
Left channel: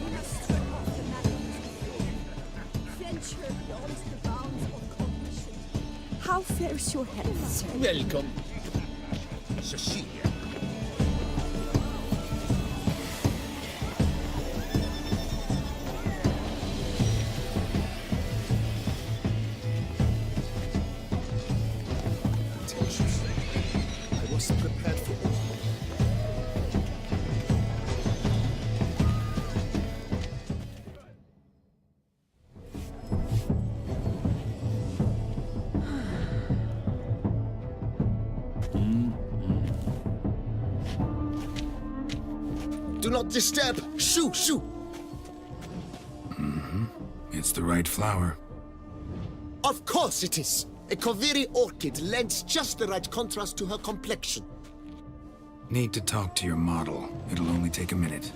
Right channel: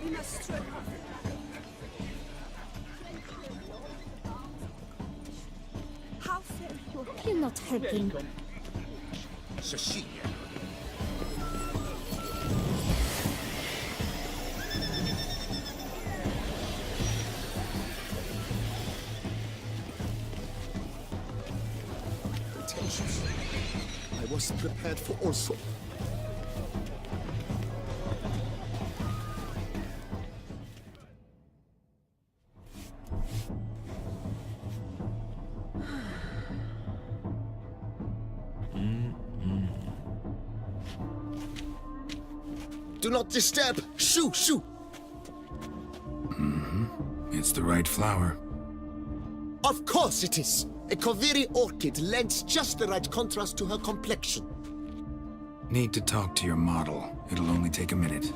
We must strike off the marriage. Friendship beyond the bounds of cognition. How fares your health? Welcome. Cecilia. Pretentious. I was prepared for all sorts. Do not disturb! Shoo! Shoo! It's the right flower. Of course it is! A Koviri orchid lends just the right contrast to her complexion. Need to talk to your model. It'll only take a minute.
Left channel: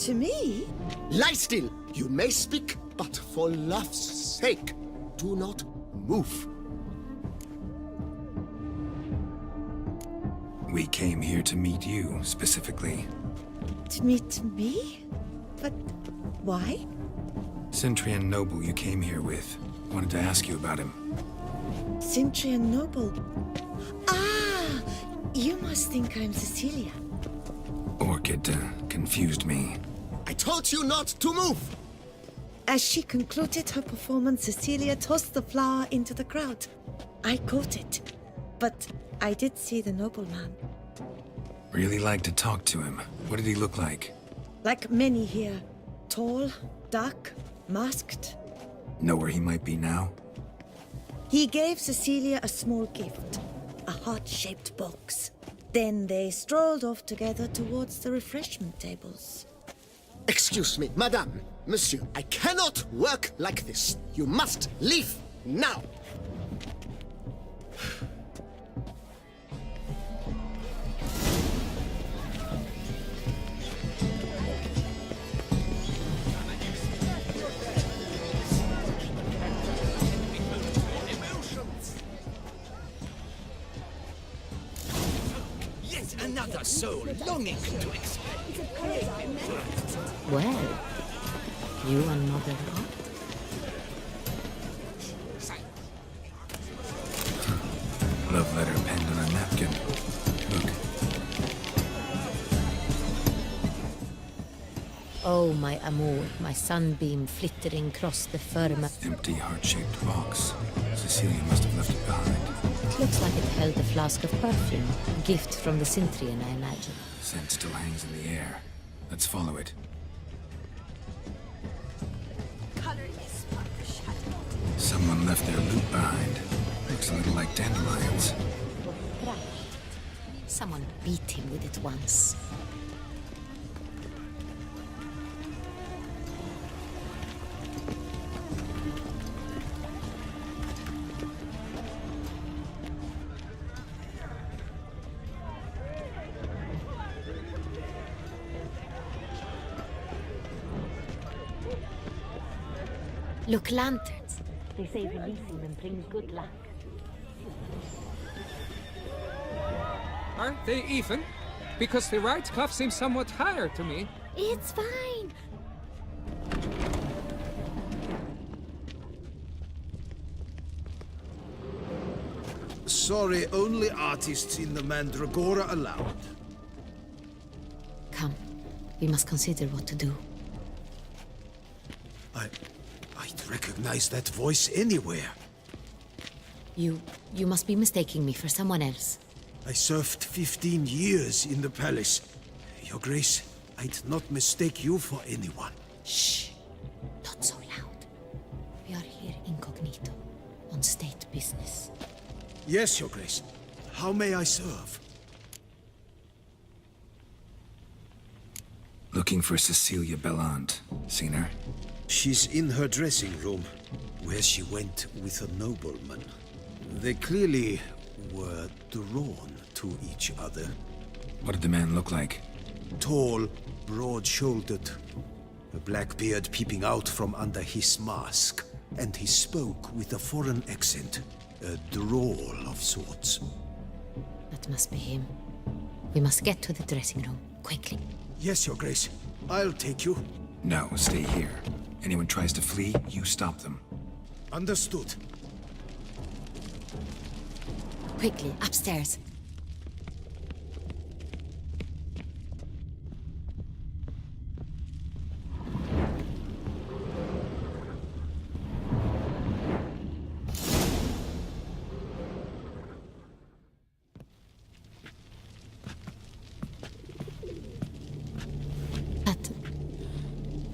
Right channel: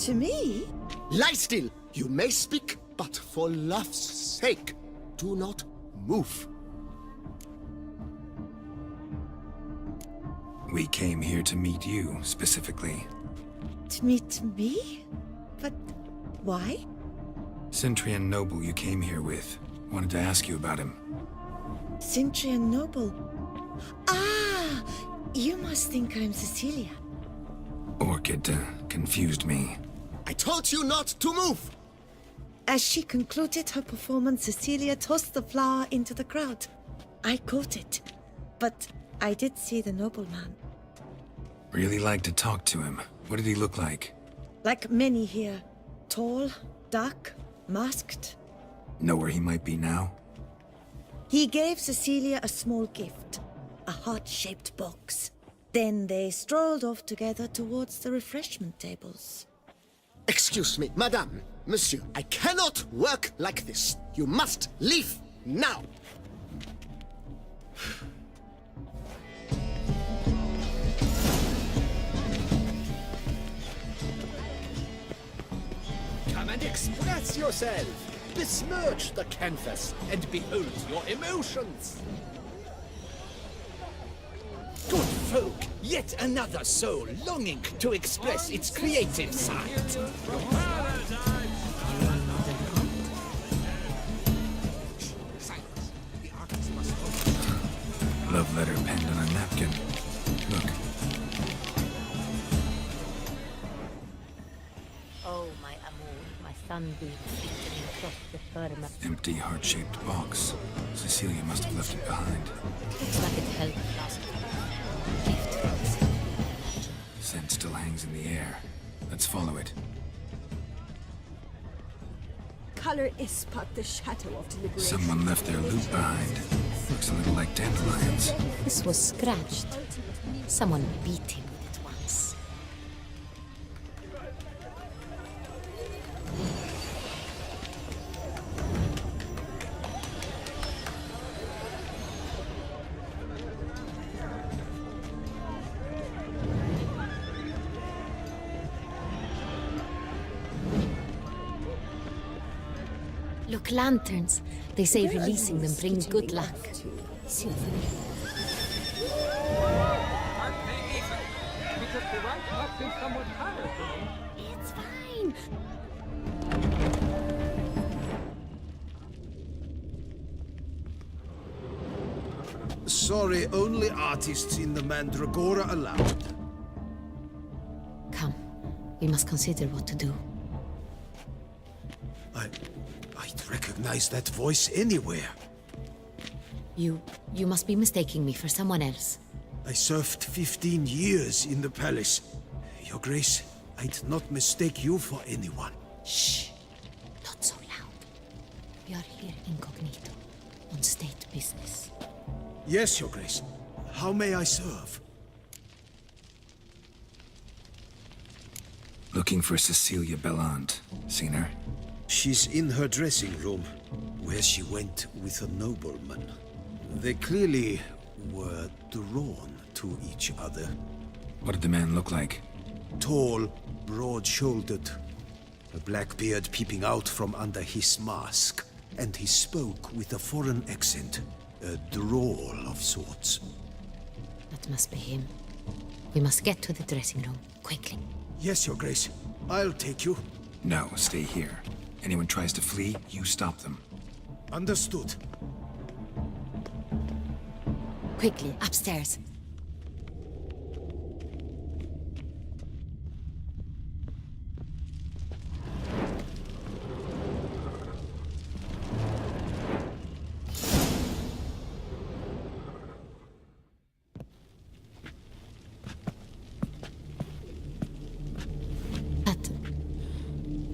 To me? Lie still! You may speak, but for love's sake, do not move. We came here to meet you, specifically. To meet me? But why? Centrian Noble you came here with. Wanted to ask you about him. Centrian Noble. Ah! You must think I'm Cecilia. Orchid confused me. I told you not to move! As she concluded her performance, Cecilia tossed the flower into the crowd. I caught it, but I did see the nobleman. Really like to talk to him. What did he look like? Like many here. Tall, dark, masked. Know where he might be now? He gave Cecilia a small gift, a heart-shaped box. Then they strolled off together towards the refreshment tables. Excuse me, madame, monsieur, I cannot work like this. You must leave now! Come and express yourself. Besmirch the canvas and behold your emotions. Good folk, yet another soul longing to express its creative side. Well, you another god? Love letter penned on a napkin. Look. Oh, my amour, my sunbeam flittering across the firmament. Empty heart-shaped box. Cecilia must have left it behind. It looks like it held a flask of perfume. A gift from the Cintrian, I imagine. Scent still hangs in the air. Let's follow it. Color is but the shadow of the Someone left their loot behind. Looks a little like dandelions. This was scratched. Someone beat him with it once. Look, lanterns. They say releasing them brings good luck. Aren't they even? Because the right cuff seems somewhat higher to me. It's fine. Sorry, only artists in the Mandragora allowed. Come. We must consider what to do. I'd recognize that voice anywhere. You must be mistaking me for someone else. I served 15 years in the palace. Your Grace, I'd not mistake you for anyone. Shh! Not so loud. We are here incognito, on state business. Yes, Your Grace. How may I serve? Looking for Cecilia Bellant. Seen her? She's in her dressing room, where she went with a nobleman. They clearly were drawn to each other. What did the man look like? Tall, broad-shouldered, a black beard peeping out from under his mask, and he spoke with a foreign accent, a drawl of sorts. That must be him. We must get to the dressing room, quickly. Yes, Your Grace. I'll take you. No, stay here. Anyone tries to flee, you stop them. Understood. Quickly, upstairs.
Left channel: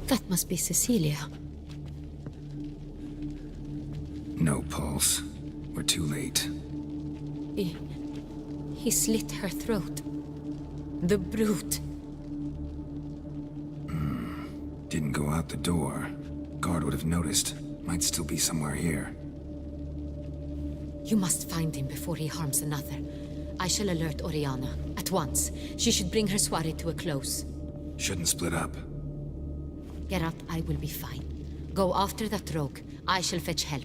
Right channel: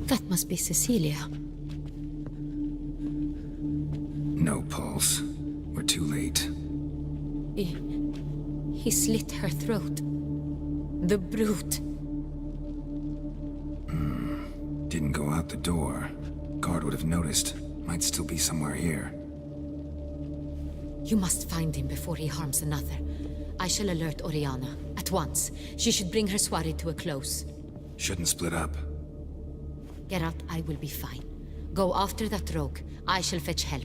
That must be Cecilia. No pulse. We're too late. He slit her throat. The brute. Didn't go out the door. Guard would have noticed. Might still be somewhere here. You must find him before he harms another. I shall alert Oriana. At once. She should bring her soirée to a close. Shouldn't split up. Geralt, I will be fine. Go after that rogue. I shall fetch help.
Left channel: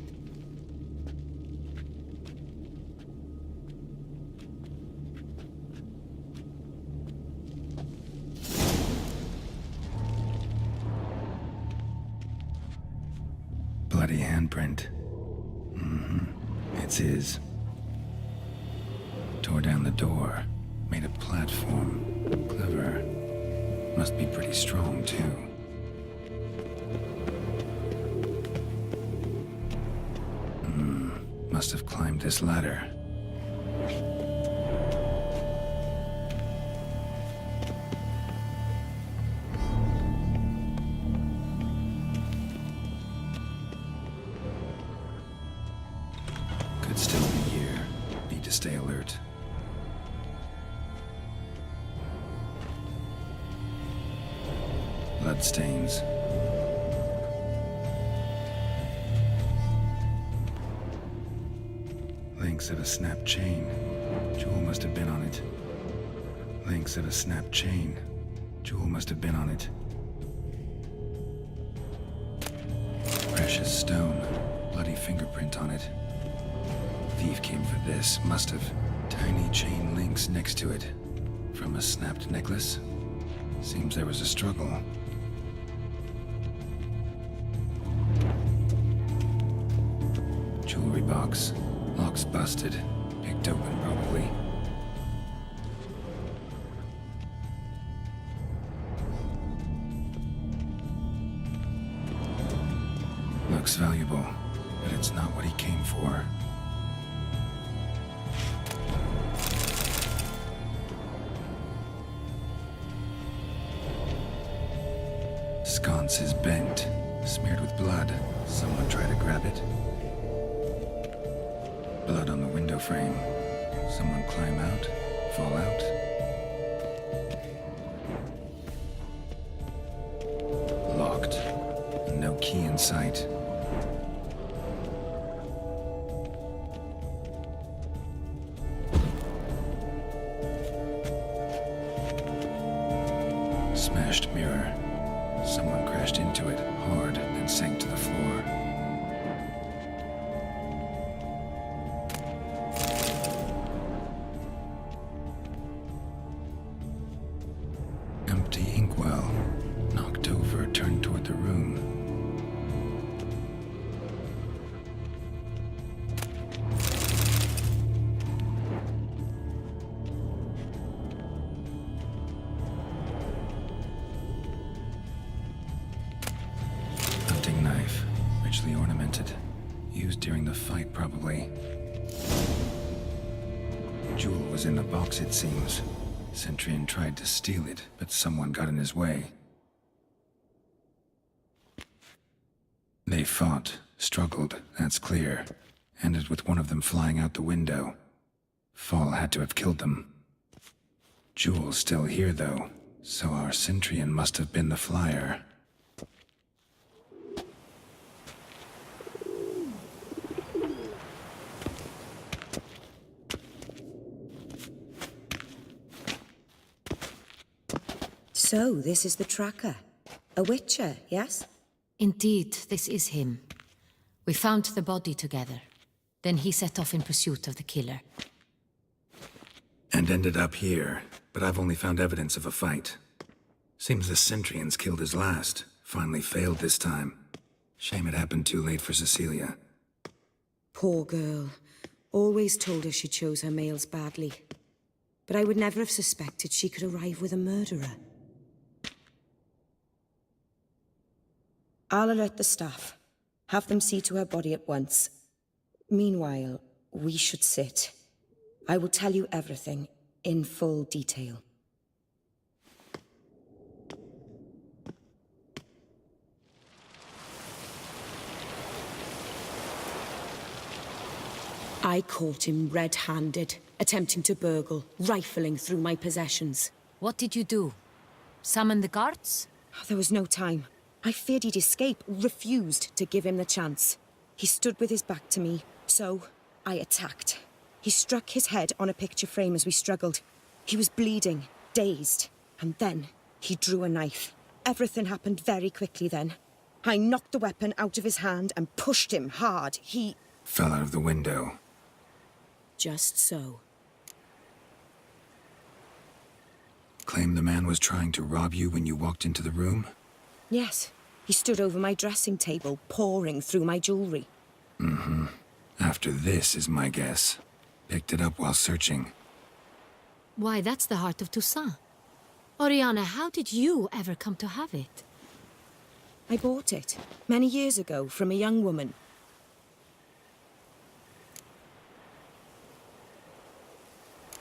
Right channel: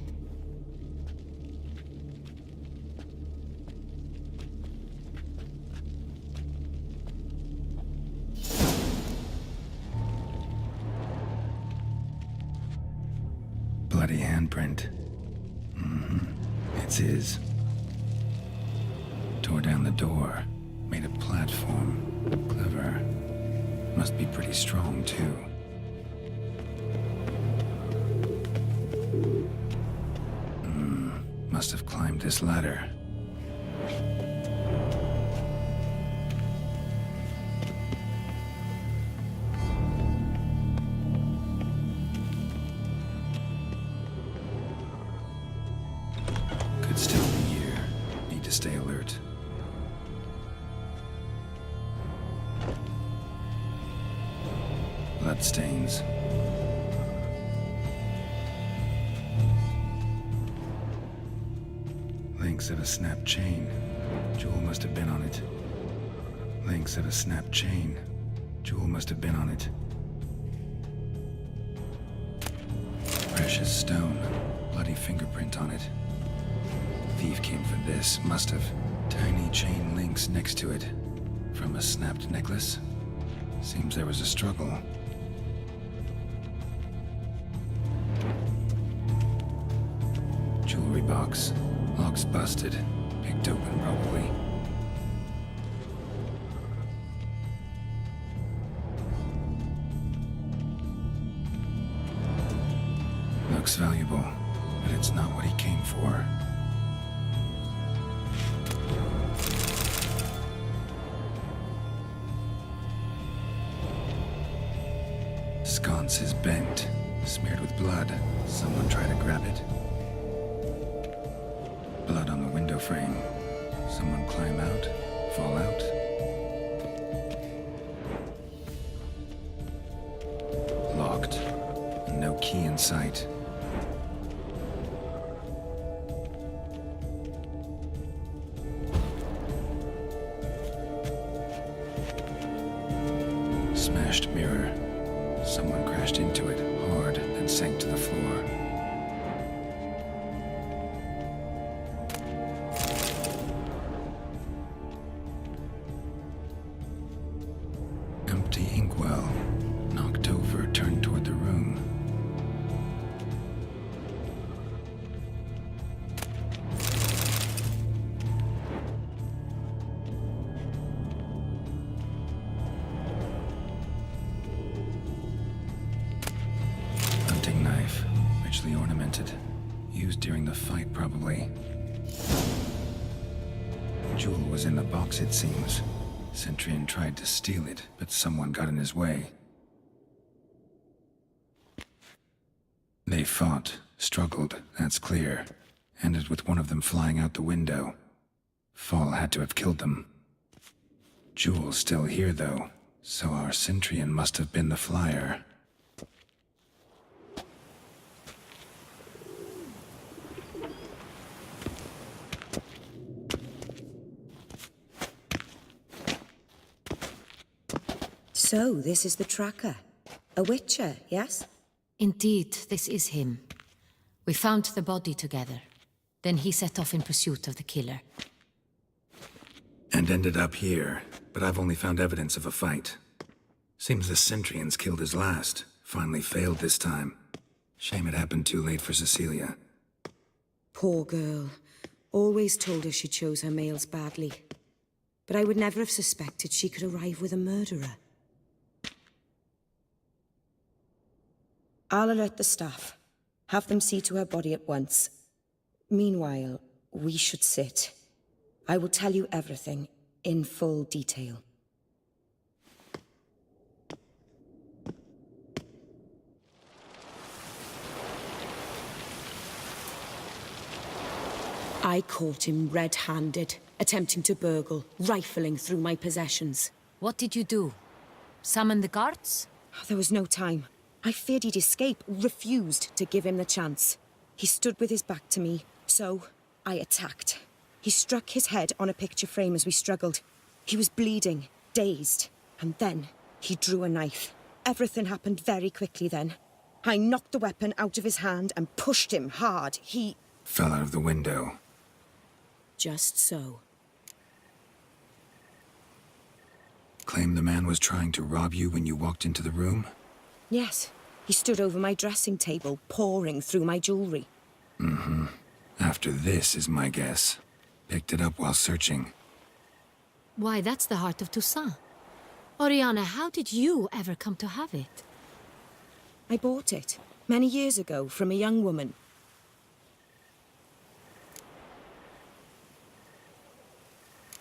Bloody handprint. It's his. Tore down the door. Made a platform. Clever. Must be pretty strong, too. Must have climbed this ladder. Could still be here. Need to stay alert. Bloodstains. Links of a snapped chain. Jewel must have been on it. Links of a snapped chain. Jewel must have been on it. Precious stone. Bloody fingerprint on it. Thief came for this. Must have. Tiny chain links next to it. From a snapped necklace? Seems there was a struggle. Jewelry box. Lock's busted. Picked open, probably. looks valuable, but it's not what he came for. Sconce is bent, smeared with blood. Someone try to grab it. Blood on the window frame. Someone climb out, fall out. Locked. No key in sight. Smashed mirror. Someone crashed into it hard, then sank to the floor. Empty inkwell. Knocked over, turned toward the room. Hunting knife, richly ornamented. Used during the fight, probably. Jewel was in the box, it seems. Centurion tried to steal it, but someone got in his way. They fought, struggled, that's clear. Ended with one of them flying out the window. Fall had to have killed them. Jewel's still here, though, so our Centurion must have been the flyer. So, this is the tracker. A witcher, yes? Indeed, this is him. We found the body together. Then he set off in pursuit of the killer. And ended up here, but I've only found evidence of a fight. Seems the Centurions killed his last. Finally failed this time. Shame it happened too late for Cecilia. Poor girl. Always told her she chose her males badly. But I would never have suspected she could arrive with a murderer. I'll alert the staff. Have them see to her body at once. Meanwhile, we should sit. I will tell you everything, in full detail. I caught him red-handed, attempting to burgle, rifling through my possessions. What did you do? Summon the guards? There was no time. I feared he'd escape, refused to give him the chance. He stood with his back to me, so I attacked. He struck his head on a picture frame as we struggled. He was bleeding, dazed, and then he drew a knife. Everything happened very quickly then. I knocked the weapon out of his hand and pushed him hard. He fell out of the window. Just so. Claim the man was trying to rob you when you walked into the room? Yes. He stood over my dressing table, pouring through my jewelry. Mm-hmm. After this is my guess. Picked it up while searching. Why, that's the heart of Toussaint. Oriana, how did you ever come to have it? I bought it, many years ago, from a young woman.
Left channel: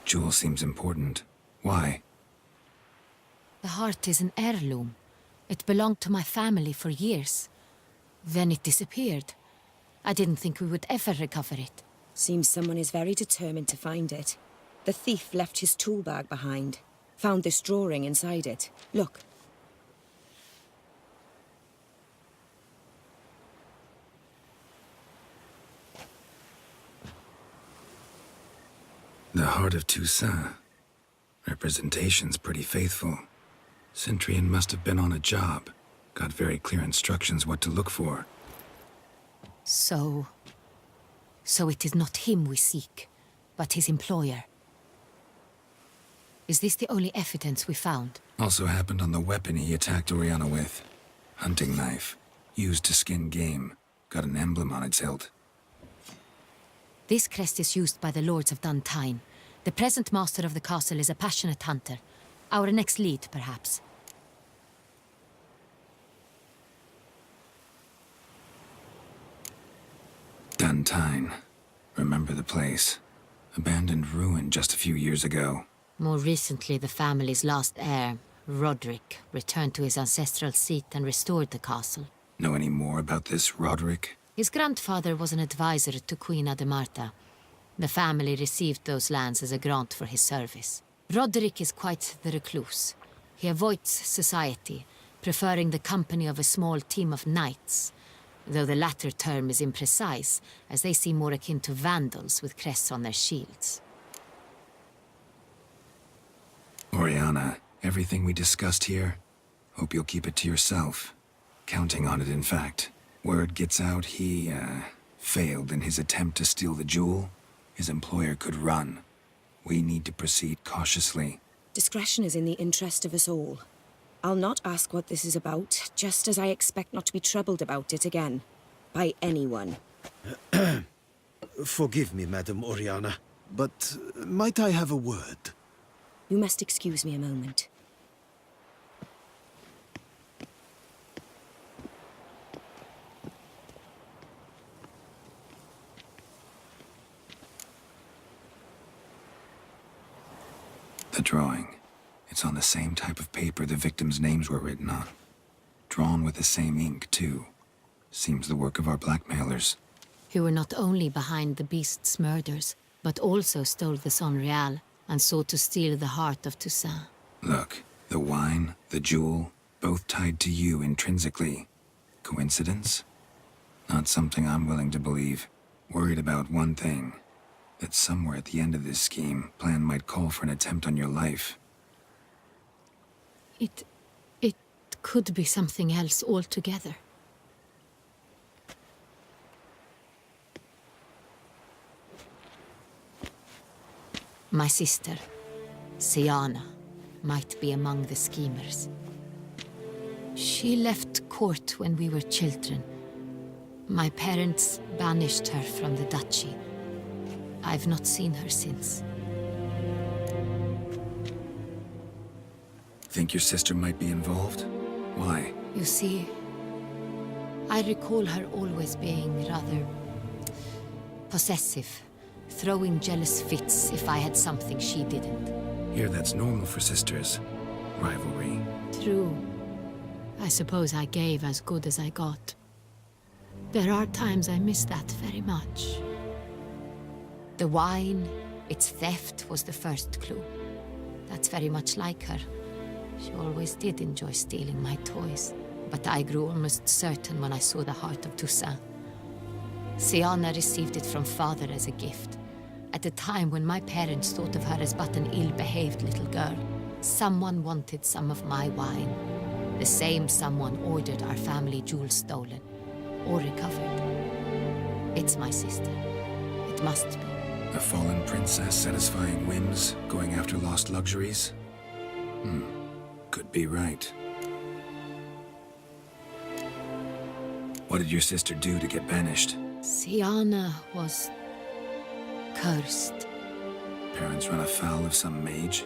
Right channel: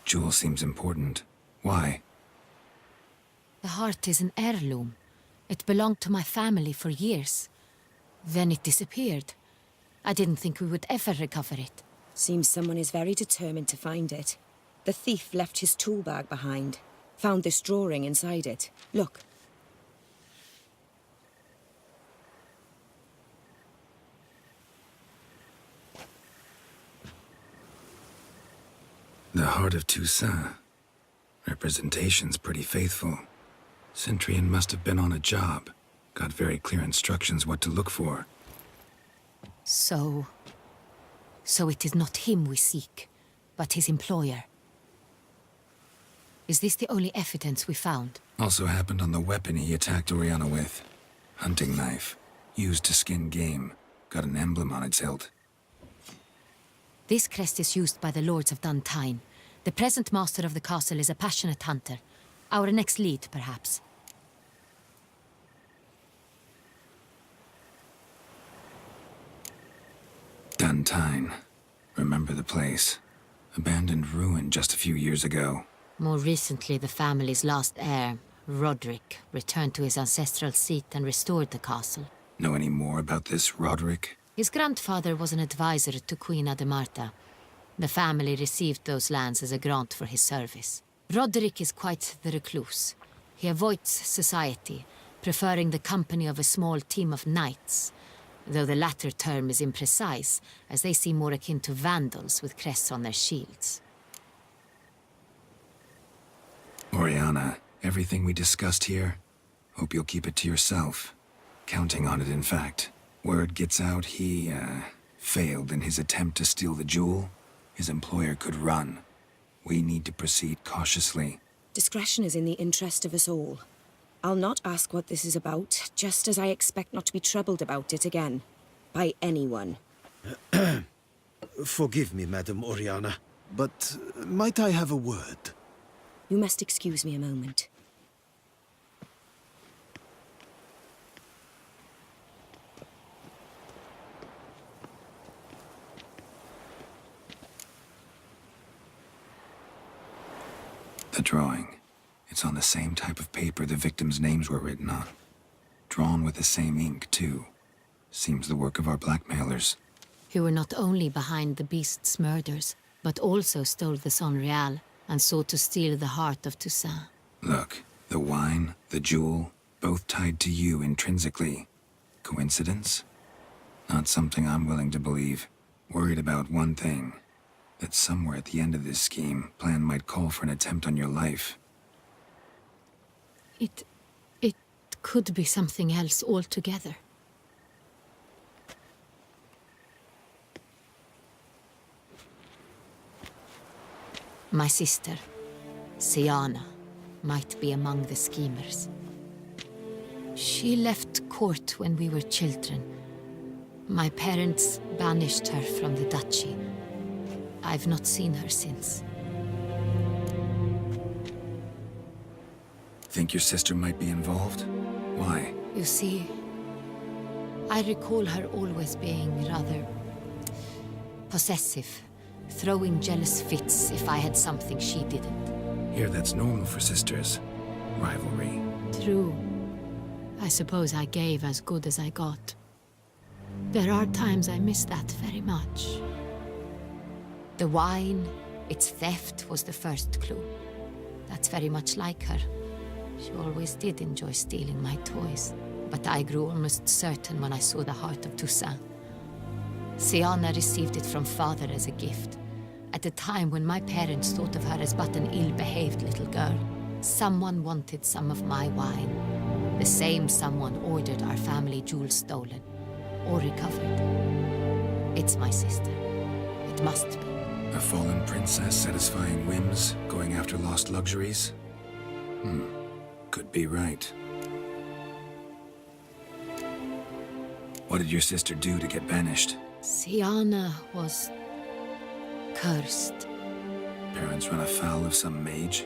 Jewel seems important. Why? The heart is an heirloom. It belonged to my family for years. Then it disappeared. I didn't think we would ever recover it. Seems someone is very determined to find it. The thief left his tool bag behind. Found this drawing inside it. Look. The heart of Toussaint. Representation's pretty faithful. Centurion must have been on a job. Got very clear instructions what to look for. So it is not him we seek, but his employer. Is this the only evidence we found? Also happened on the weapon he attacked Oriana with. Hunting knife. Used to skin game. Got an emblem on its hilt. This crest is used by the Lords of Duntine. The present master of the castle is a passionate hunter. Our next lead, perhaps. Duntine. Remember the place. Abandoned ruin just a few years ago. More recently, the family's last heir, Roderick, returned to his ancestral seat and restored the castle. Know any more about this Roderick? His grandfather was an advisor to Queen Ademarta. The family received those lands as a grant for his service. Roderick is quite the recluse. He avoids society, preferring the company of a small team of knights, though the latter term is imprecise, as they seem more akin to vandals with crests on their shields. Oriana, everything we discussed here, hope you'll keep it to yourself. Counting on it, in fact. Word gets out he, failed in his attempt to steal the jewel. His employer could run. We need to proceed cautiously. Discretion is in the interest of us all. I'll not ask what this is about, just as I expect not to be troubled about it again. By anyone. Forgive me, Madam Oriana, but might I have a word? You must excuse me a moment. The drawing. It's on the same type of paper the victims' names were written on. Drawn with the same ink, too. Seems the work of our blackmailers. Who were not only behind the beast's murders, but also stole the Sonreal and sought to steal the heart of Toussaint. Look, the wine, the jewel, both tied to you intrinsically. Coincidence? Not something I'm willing to believe. Worried about one thing. That somewhere at the end of this scheme, plan might call for an attempt on your life. It could be something else altogether. My sister, Siana, might be among the schemers. She left court when we were children. My parents banished her from the duchy. I've not seen her since. Think your sister might be involved? Why? You see, I recall her always being rather possessive, throwing jealous fits if I had something she didn't. Here, that's normal for sisters. Rivalry. True. I suppose I gave as good as I got. There are times I miss that very much. The wine, its theft, was the first clue. That's very much like her. She always did enjoy stealing my toys, but I grew almost certain when I saw the heart of Toussaint. Siana received it from father as a gift, at a time when my parents thought of her as but an ill-behaved little girl. Someone wanted some of my wine. The same someone ordered our family jewels stolen, or recovered. It's my sister. It must be. A fallen princess satisfying whims, going after lost luxuries? Could be right. What did your sister do to get banished? Siana was cursed. Parents run afoul of some mage?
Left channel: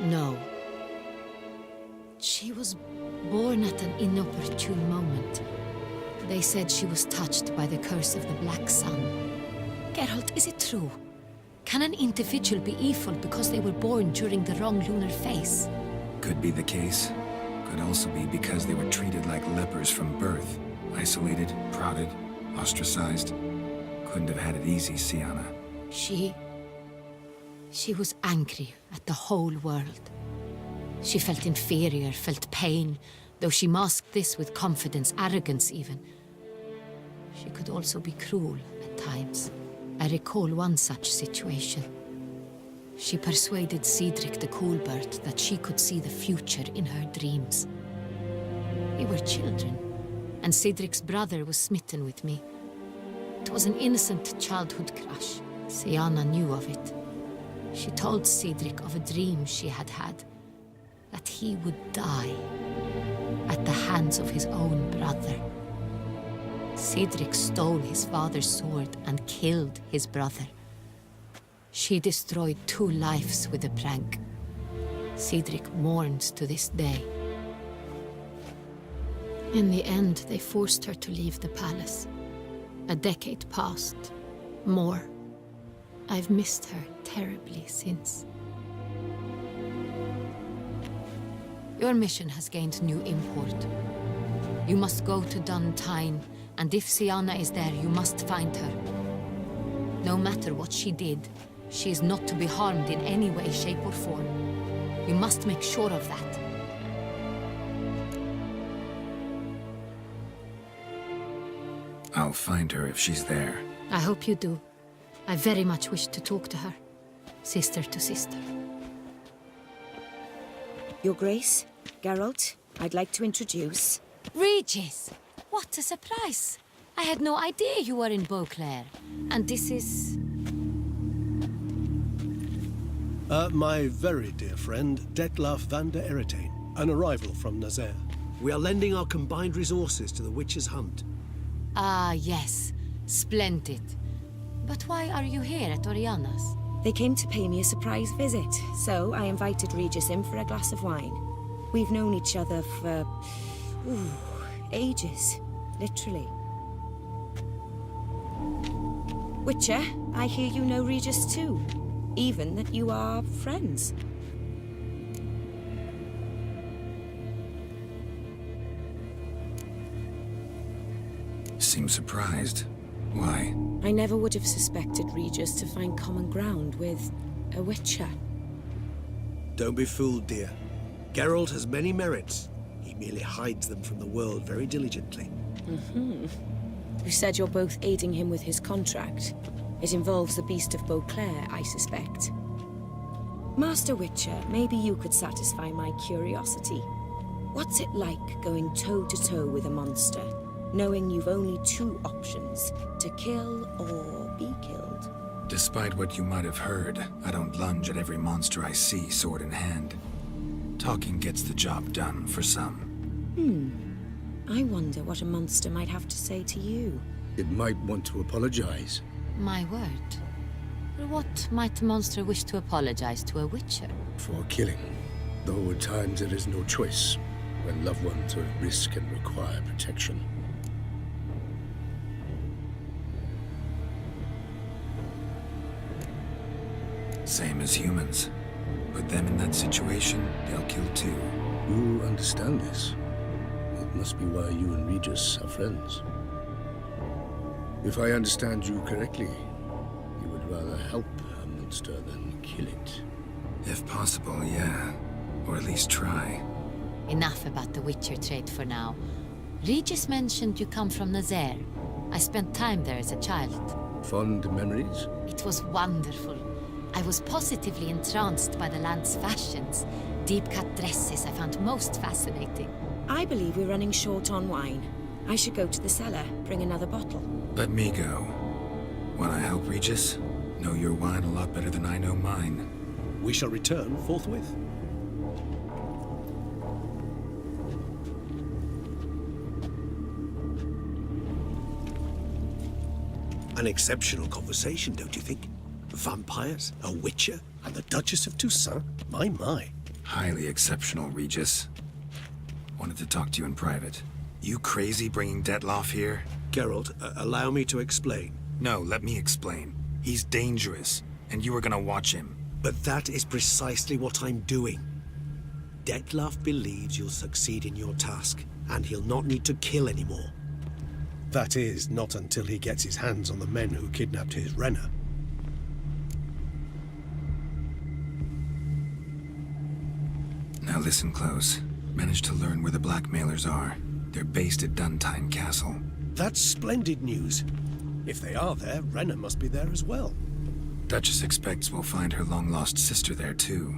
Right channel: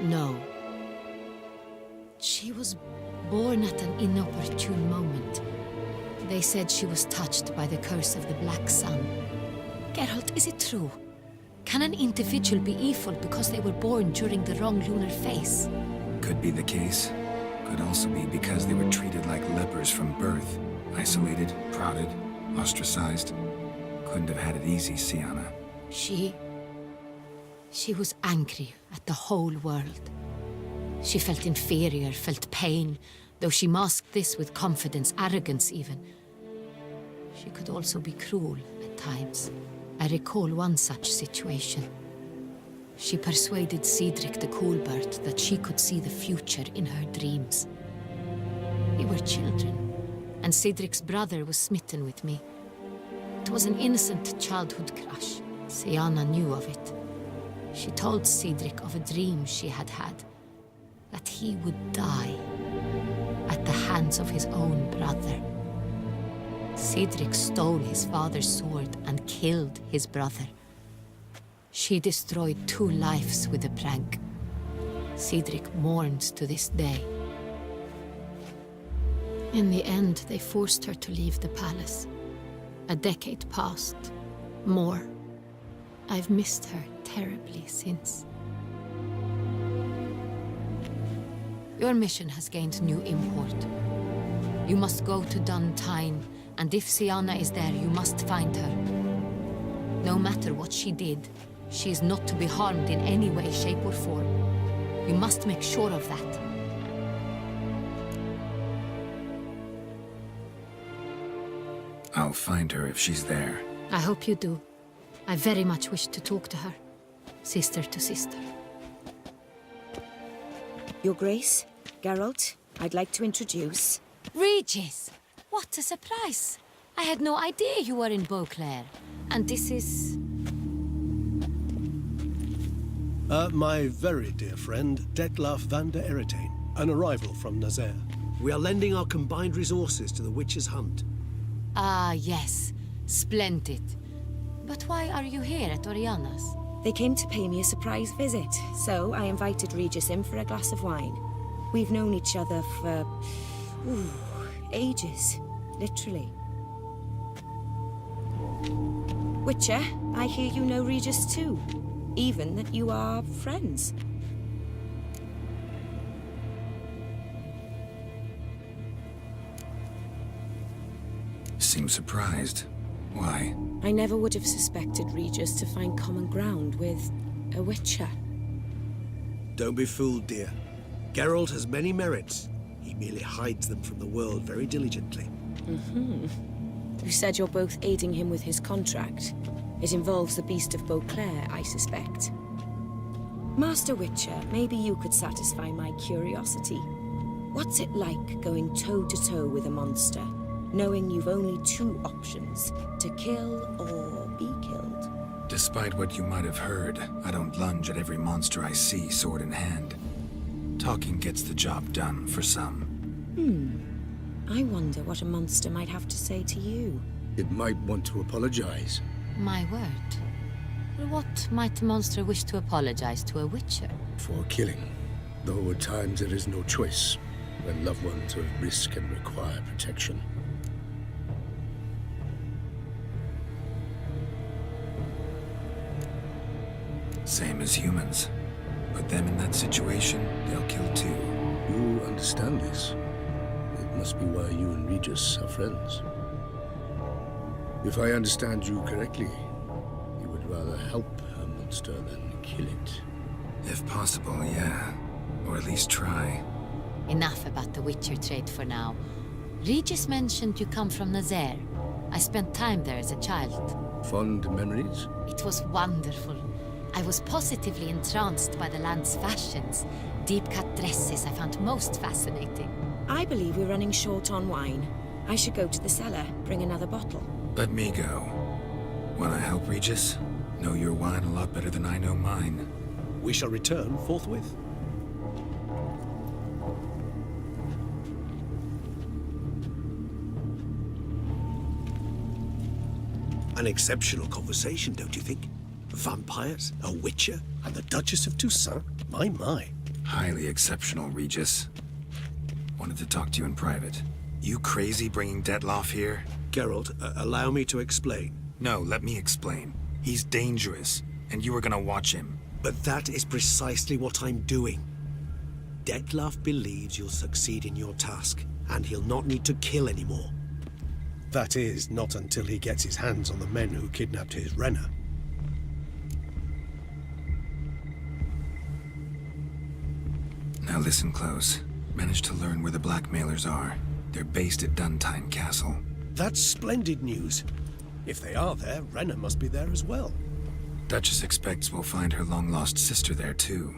No. She was born at an inopportune moment. They said she was touched by the curse of the Black Sun. Geralt, is it true? Can an individual be evil because they were born during the wrong lunar phase? Could be the case. Could also be because they were treated like lepers from birth. Isolated, prodded, ostracized. Couldn't have had it easy, Siana. She was angry at the whole world. She felt inferior, felt pain, though she masked this with confidence, arrogance even. She could also be cruel at times. I recall one such situation. She persuaded Cedric the Coolbird that she could see the future in her dreams. We were children, and Cedric's brother was smitten with me. It was an innocent childhood crush. Siana knew of it. She told Cedric of a dream she had had, that he would die at the hands of his own brother. Cedric stole his father's sword and killed his brother. She destroyed 2 lives with a prank. Cedric mourns to this day. In the end, they forced her to leave the palace. A decade passed. More. I've missed her terribly since. Your mission has gained new import. You must go to Duntine, and if Siana is there, you must find her. No matter what she did, she is not to be harmed in any way, shape, or form. You must make sure of that. I'll find her if she's there. I hope you do. I very much wish to talk to her. Sister to sister. Your Grace, Geralt, I'd like to introduce... Regis! What a surprise! I had no idea you were in Beauclair. And this is... My very dear friend, Detlaf van der Eretain, an arrival from Nazaire. We are lending our combined resources to the Witch's Hunt. Ah, yes. Splendid. But why are you here at Oriana's? They came to pay me a surprise visit, so I invited Regis in for a glass of wine. We've known each other for... ages. Literally. Witcher, I hear you know Regis too. Even that you are friends. Seem surprised. Why? I never would have suspected Regis to find common ground with a Witcher. Don't be fooled, dear. Geralt has many merits. He merely hides them from the world very diligently. You said you're both aiding him with his contract. It involves the Beast of Beauclair, I suspect. Master Witcher, maybe you could satisfy my curiosity. What's it like going toe-to-toe with a monster, knowing you've only two options, to kill or be killed? Despite what you might have heard, I don't lunge at every monster I see sword in hand. Talking gets the job done for some. I wonder what a monster might have to say to you. It might want to apologize. My word. What might a monster wish to apologize to a Witcher? For killing. Though at times there is no choice, when loved ones are at risk and require protection. Same as humans. Put them in that situation, they'll kill too. You understand this. It must be why you and Regis are friends. If I understand you correctly, you would rather help a monster than kill it. If possible, yeah. Or at least try. Enough about the Witcher trade for now. Regis mentioned you come from Nazaire. I spent time there as a child. Fond memories? It was wonderful. I was positively entranced by the land's fashions. Deep-cut dresses I found most fascinating. I believe we're running short on wine. I should go to the cellar, bring another bottle. Let me go. Wanna help, Regis? Know your wine a lot better than I know mine. We shall return forthwith. An exceptional conversation, don't you think? Vampires, a Witcher, And the Duchess of Toussaint? My. Highly exceptional, Regis. Wanted to talk to you in private. You crazy bringing Detlaf here? Geralt, allow me to explain. No, let me explain. He's dangerous, and you were gonna watch him. But that is precisely what I'm doing. Detlaf believes you'll succeed in your task, and he'll not need to kill anymore. That is, not until he gets his hands on the men who kidnapped his Renner. Now listen close. Managed to learn where the blackmailers are. They're based at Duntine Castle. That's splendid news. If they are there, Renner must be there as well. Duchess expects we'll find her long-lost sister there, too.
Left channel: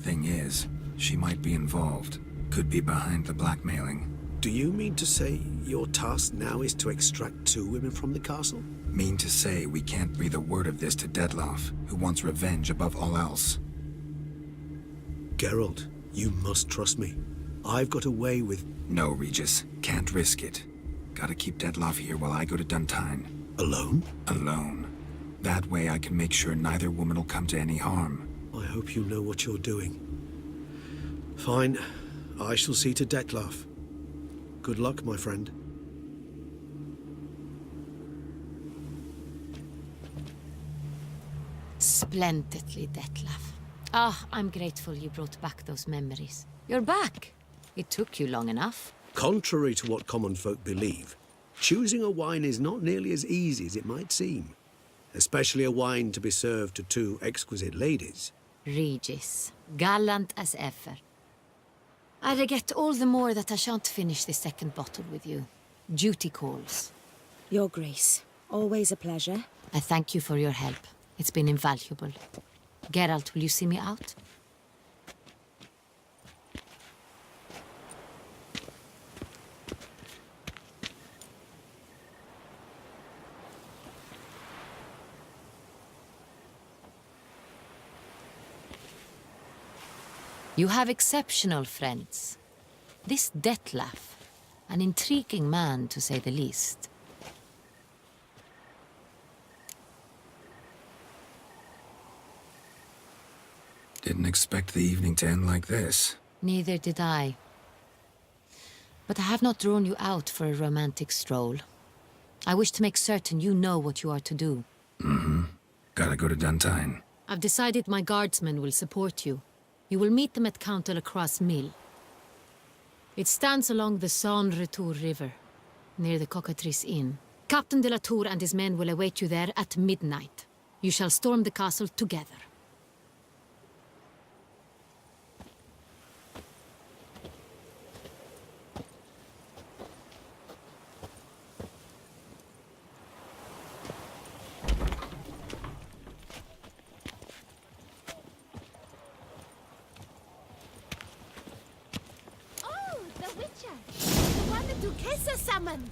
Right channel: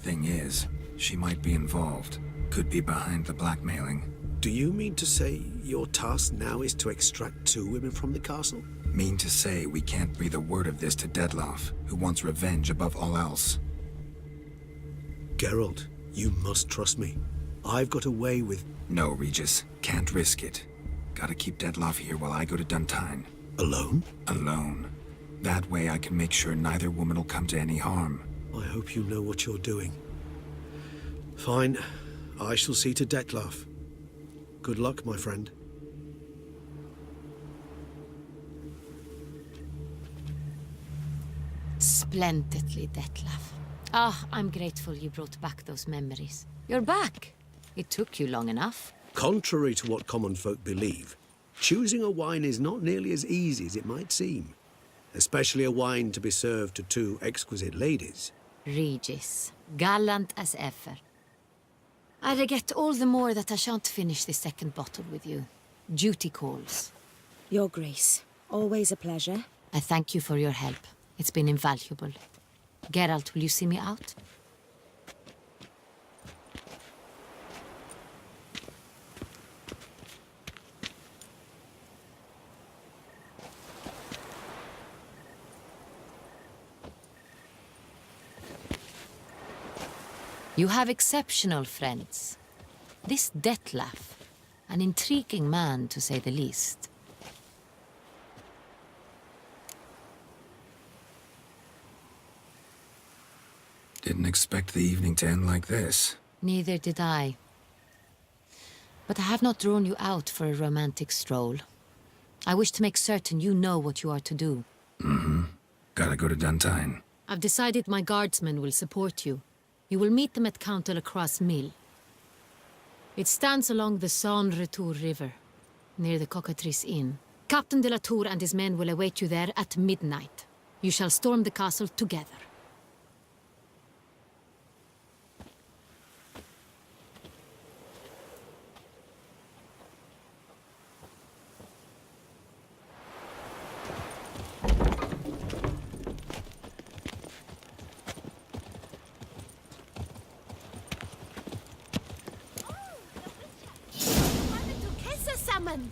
Thing is, she might be involved. Could be behind the blackmailing. Do you mean to say your task now is to extract 2 women from the castle? Mean to say we can't breathe a word of this to Detlaf, who wants revenge above all else. Geralt, you must trust me. I've got away with... No, Regis. Can't risk it. Gotta keep Detlaf here while I go to Duntine. Alone? Alone. That way I can make sure neither woman will come to any harm. I hope you know what you're doing. Fine. I shall see to Detlaf. Good luck, my friend. splendidly, Detlef. Ah, I'm grateful you brought back those memories. You're back. It took you long enough. Contrary to what common folk believe, choosing a wine is not nearly as easy as it might seem. Especially a wine to be served to two exquisite ladies. Regis, gallant as ever. I regret all the more that I shan't finish the second bottle with you. Duty calls. Your Grace, always a pleasure. I thank you for your help. It's been invaluable. Geralt, will you see me out? You have exceptional friends. This Detlef, an intriguing man to say the least. Didn't expect the evening to end like this. Neither did I. But I have not drawn you out for a romantic stroll. I wish to make certain you know what you are to do. Mm-hmm. Gotta go to Duntine. I've decided my guardsmen will support you. You will meet them at Count de la Croix's mill. It stands along the Saône-Retour River, near the Cockatrice Inn. Captain de la Tour and his men will await you there at midnight. You shall storm the castle together. The one the Duchessa summoned!